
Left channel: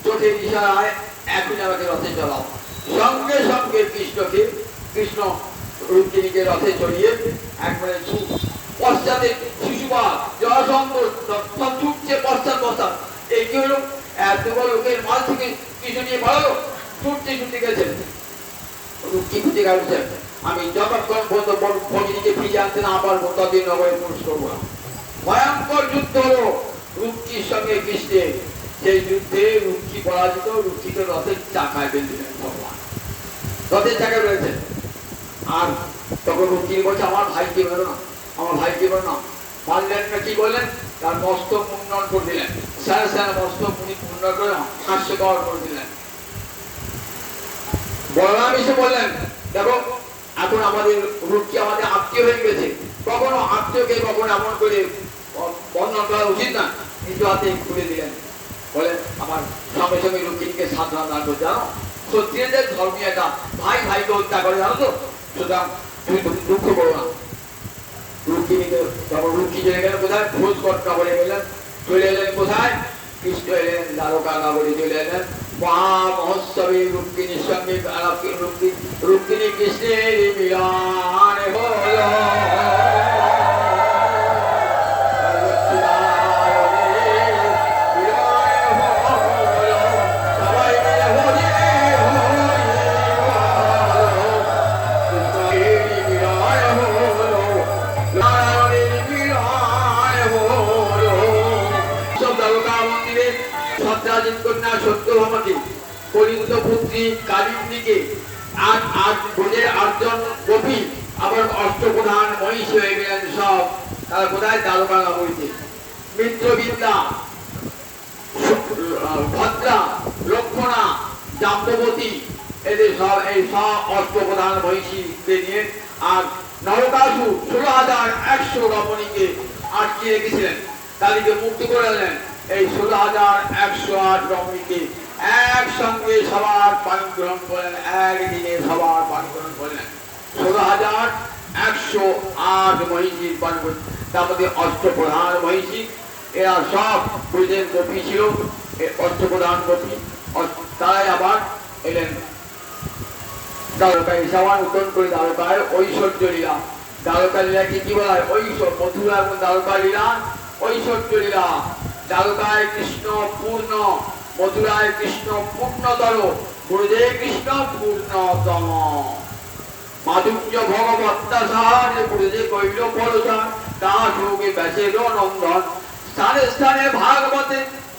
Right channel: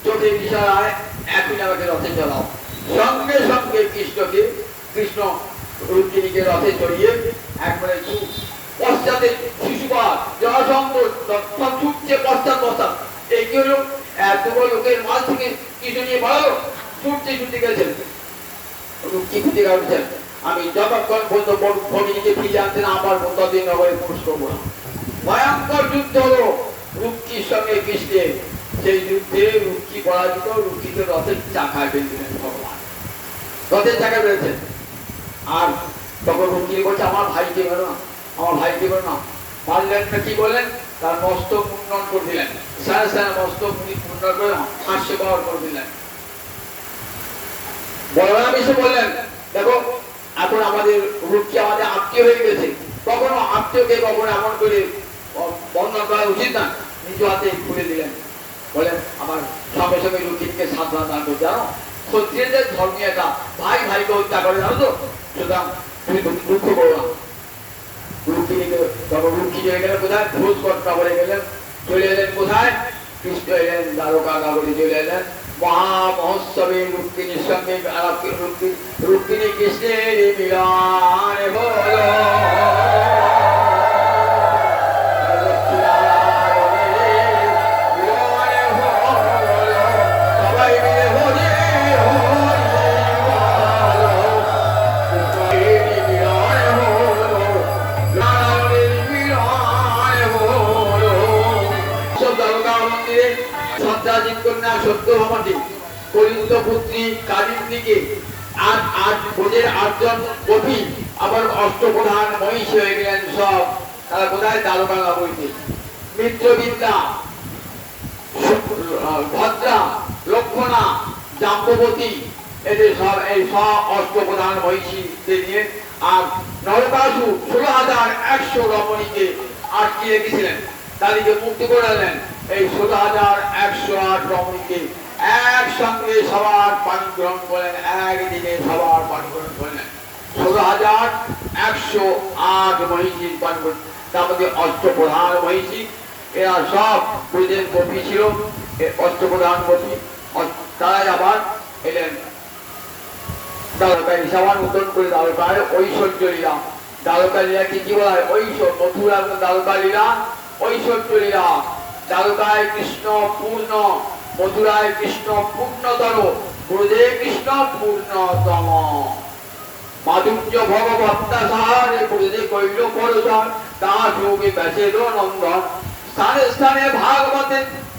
চোখের ইশারায় একই আমাকে রথে চলাও, সঙ্গে সঙ্গে কৃষ্ণকে, কৃষ্ণ রুক্মিণীকে রথে চড়িয়ে একবারে পশ্চাতে শিশুপাল জরাসন্ধ ছুটছে পশ্চাৎ, এই কি হলো, এতগুলো লোকের মাঝ থেকে কৃষ্ণ নিয়ে পালালো, ছুটতে ছুটতে গেছেন, রুক্মি খুঁজে কাটছেন, আমি যতক্ষণ পর্যন্ত ভগিনীকে ফিরিয়ে আনছেন আবার ততদিন নগরে পুরুষ করবো না। ভয়ঙ্কর যুদ্ধ হলো রুক্মির সঙ্গে কৃষ্ণের, সেই যুদ্ধে রুক্মি পরাজিত, রুক্মিকে রথের চাকায় বেঁধেছিলেন ভগবান, রথের চাকায় বেঁধেছেন। আর তখন রুক্মি বলছে আমার ভাইকে বেরো না, আমার ভাইকে বেরো না, পারলেন না, কি বললেন, তার মস্তক মুন্ডন করে দিলেন, সারা সারা মস্তক মুন্ডন করে হাস্যকর করে দিলেন। বলরাম এসে বললেন, দেখো এখন আমাদের রুক্মি আমাদের আত্মীয় হয়ে গেছে, কখনো আত্মীয়কে কখনো এমন করে বন্ধন করা উচিত না, নিজ হাতে খুলে দিলেন, বলেন আমার সঙ্গে সঙ্গে রুক্মিণীকে সাধনা দান করতে, জানো ক্ষত্রিয়দের ধর্মীয় একটা ভাই ভাইকে হত্যা করে, জানো তো, সুতরাং তুমি দুঃখ করো না। রুক্মিণীকে তখন রুক্মি চলে গেলেন কোথায়, ভোজ কর্তা বলে গেলেন, চলে এলেন কোথায়, কৃষ্ণ এলেন দ্বারকা নগরে চলে এলেন, মহামহোৎসবে রুক্মিণীর সঙ্গে রুক্মিণী কৃষ্ণের মিলন হলো। সত্যভামাকে, কলিঙ্গ পুত্রী কালিন্দীকে, আর ভোজের 8 জন কবি, আবার অষ্টপ্রধান মহিষী হয়ে গেলেন সব, তারা কোথায়, দ্বারকা নগরীতে। মিত্রবিদ্যা, ভদ্রা, লক্ষণা, জাম্ববতী, এদের সব এই সব অষ্টপ্রধান মহিষীকে নিয়ে, আর নরকাসুর 16,100 রমণীকে আটকে রেখেছিলেন, তাদেরকে মুক্ত করে দিলেন। এই 16,108 রমণীকে একসঙ্গে সবার পানি গ্রহণ করলেন, একদিনে সবার পানি গ্রহণ করলেন, 16,108 মহিষীর পানি গ্রহণ, তার মধ্যে অষ্টপ্রধান মহিষী, এরা সব ব্রজের গোপী ছিল, অষ্টপ্রধান গোপী, তারাই আবার এলেন দ্বারকায়, সবার উত্তর করে দ্বারকায় ঐশ্বর্য লীলা, দ্বারকা লীলাকে কি বলা হয়, ঐশ্বর, মথুরা এবং দ্বারকা লীলা ঐশ্বর্য লীলা। দ্বারকায় কৃষ্ণ পূর্ণ, মথুরায় কৃষ্ণ পূর্ণতর, ব্রজে কৃষ্ণ পূর্ণতম। মাধুর্য ভগবত্তা সাহারে ব্রজে কইল পরজন, দাস যোগে ব্যাসের নন্দন, স্থানে স্থানে ভাগবতে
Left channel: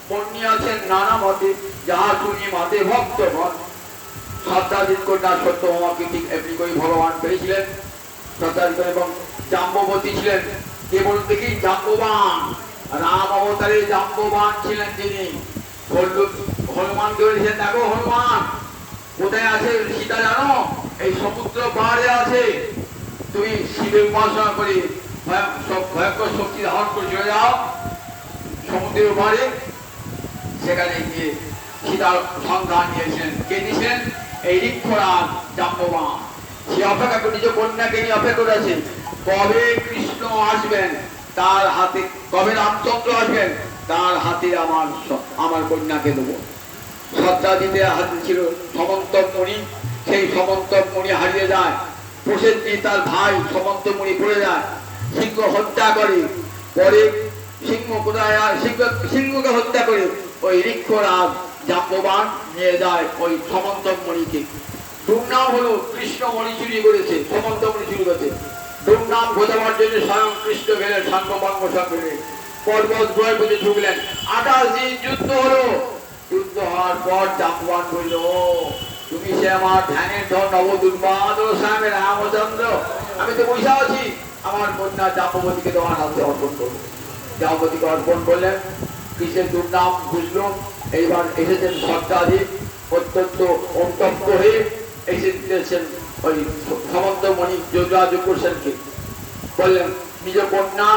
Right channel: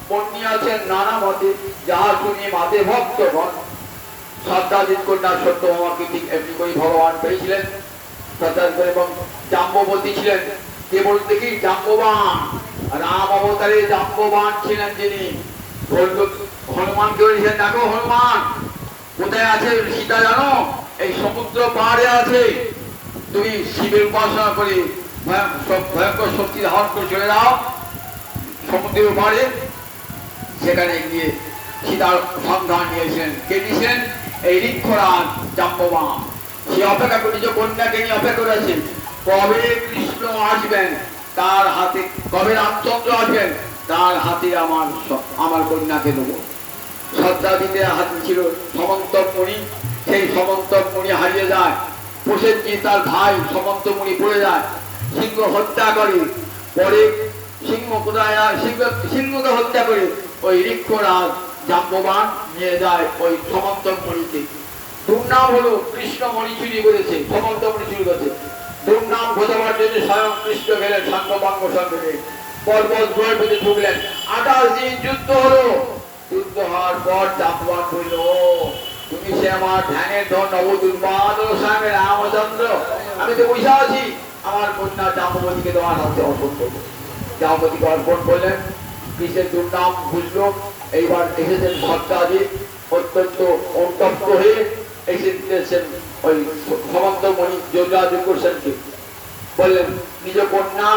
বর্ণিয়াছেন নানা মতে, যাহা শুনি মাতে ভক্তগণ। সত্যাজিৎ কন্যা সত্যভামাকে ঠিক এমনি করে ভগবান পেয়েছিলেন, এবং জাম্ববতী ছিলেন, কে বলতে কি, জাম্ববান, রাম অবতারে জাম্ববান ছিলেন যিনি, হনুমানকে বলেছিলেন, দেখো হনুমান কোথায় আছে সীতা জানো, এই সমুদ্র পাহাড়ে আছে, তুমি শিবের উপাসনা করে ভয়ঙ্কর শক্তি ধারণ করে চলে যাও সমুদ্রের পাহাড়ে। সেখানে গিয়ে সীতার সন্ধান নিয়েছিলেন, কে দিয়েছিলেন, এই ঋক্ষরাজ জাম্ববান। সে অপেক্ষা করে, নিজ কন্যাকে নিয়ে অপেক্ষা করে আছে কবে কৃষ্ণ আসবেন, তার হাতে কবে রামচন্দ্র আসবেন, তার হাতে আমার কন্যাকে দেবো। সত্যাজিতের হাতে ছিল সমন্তক মণি, সেই সমন্তক মণি হারিয়ে যায়। প্রসেনজিৎ তার ভাই সমন্তমণি পড়ে যায়, সিংহ হত্যা করে। পরে সিংহ কোথায়, সিংহকে হত্যা করে ওই ঋক্ষরাজ জাম্ববান নিয়ে যায় ওই সমন্তমণিকে। দুর্নাম হলো কৃষ্ণমণি চুরি করেছে, সমন্তমণি চুরি করেছে। দুর্নাম ঘোষাবার জন্য স্বয়ং কৃষ্ণ গেলেন সাঙ্গপাঙ্গ সঙ্গে, পর্বত বয়ে বেঁধে ঢুকলেন। 28 দিন যুদ্ধ হলো। যুদ্ধ হওয়ার পর জাম্ববান বলল, তুমি সে আমার ধ্যানের ধন নবদুর্বাদ স্বামী রামচন্দ্র, আমি তো বসে আছি, আমার কন্যা জাম্ববতীকে তোমার হাতে অর্পণ করবো। জাম্ববতীকে অর্পণ করলেন। কৃষ্ণের দুর্নাম বুঝলো। এইবার এসেছেন সত্যাজিৎ, অত্যন্ত অনুতপ্ত হয়ে এসেছেন ওই সমন্তমণি যোগাযোগ করছেনকে, বললেন নিজ কন্যা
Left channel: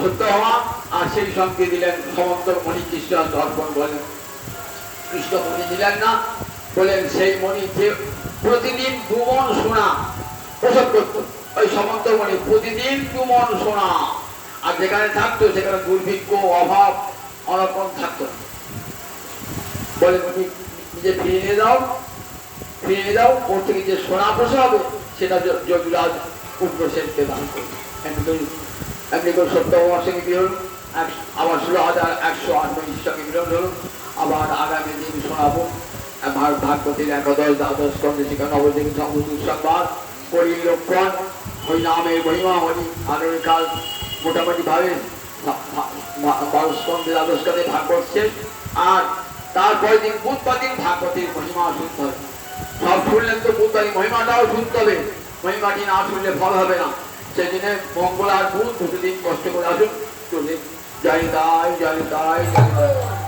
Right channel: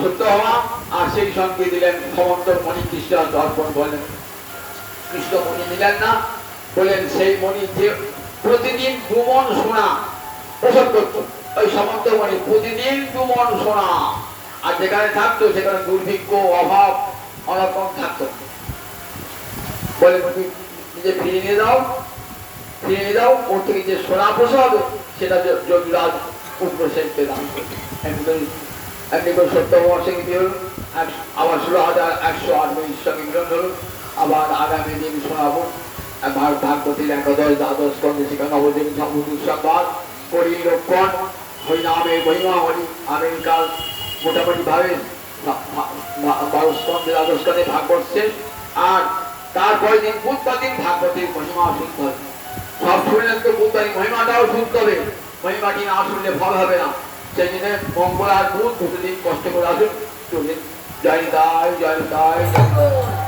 সত্য হওয়া, আর সেই সঙ্গে দিলেন সমন্তমণি কৃষ্ণ অর্পণ করলেন। কৃষ্ণমণি দিলেন না, বলেন সেই মণি যে প্রতিদিন 2 মণ সোনা প্রসব করত, ওই সমন্তমণি প্রতিদিন 2 মণ সোনা, আর যেখানে থাকতো সেখানে দুর্ভিক্ষ অভাব অনর্পণ থাকতো। বলে মণি নিজে ফিরিয়ে নিয়ে দাও, ফিরিয়ে নিয়ে দাও, ওর থেকে যে সোনা প্রসব হবে সেটা যোগীরাজ উগ্রসেনকে দান করবে। এমনি করে সত্যভামার সঙ্গে মিলন, আবার 16,108 সঙ্গে মিলন হল। আবার আগামী দিন শোনাবো ভাগবতীর 11 দ্বাদশ স্কন্ধে সেখানে নবদ্বীপ সংবাদ করি লক্ষণ হরিনামের মহিমা হরি। আগামীকাল মোটামুটি ভাবে 12 স্কন্ধে দ্বাদশ স্কন্ধে ভাগবত শেষ, আর তারপরে দিন বুধবার দিন ভাগবতীর মহিমা শুনতে হবে। সব শুনলেন তো বুধবার মহিমাটাও শুনতে হবে, মহিমাটি না শুনলে ফল হবে না। সেই দিনে মঙ্গল আর বুধ 2 দিন কষ্ট করে আসুন, চলে জয় নিতাই জয় নিতাই জয় নিতাই।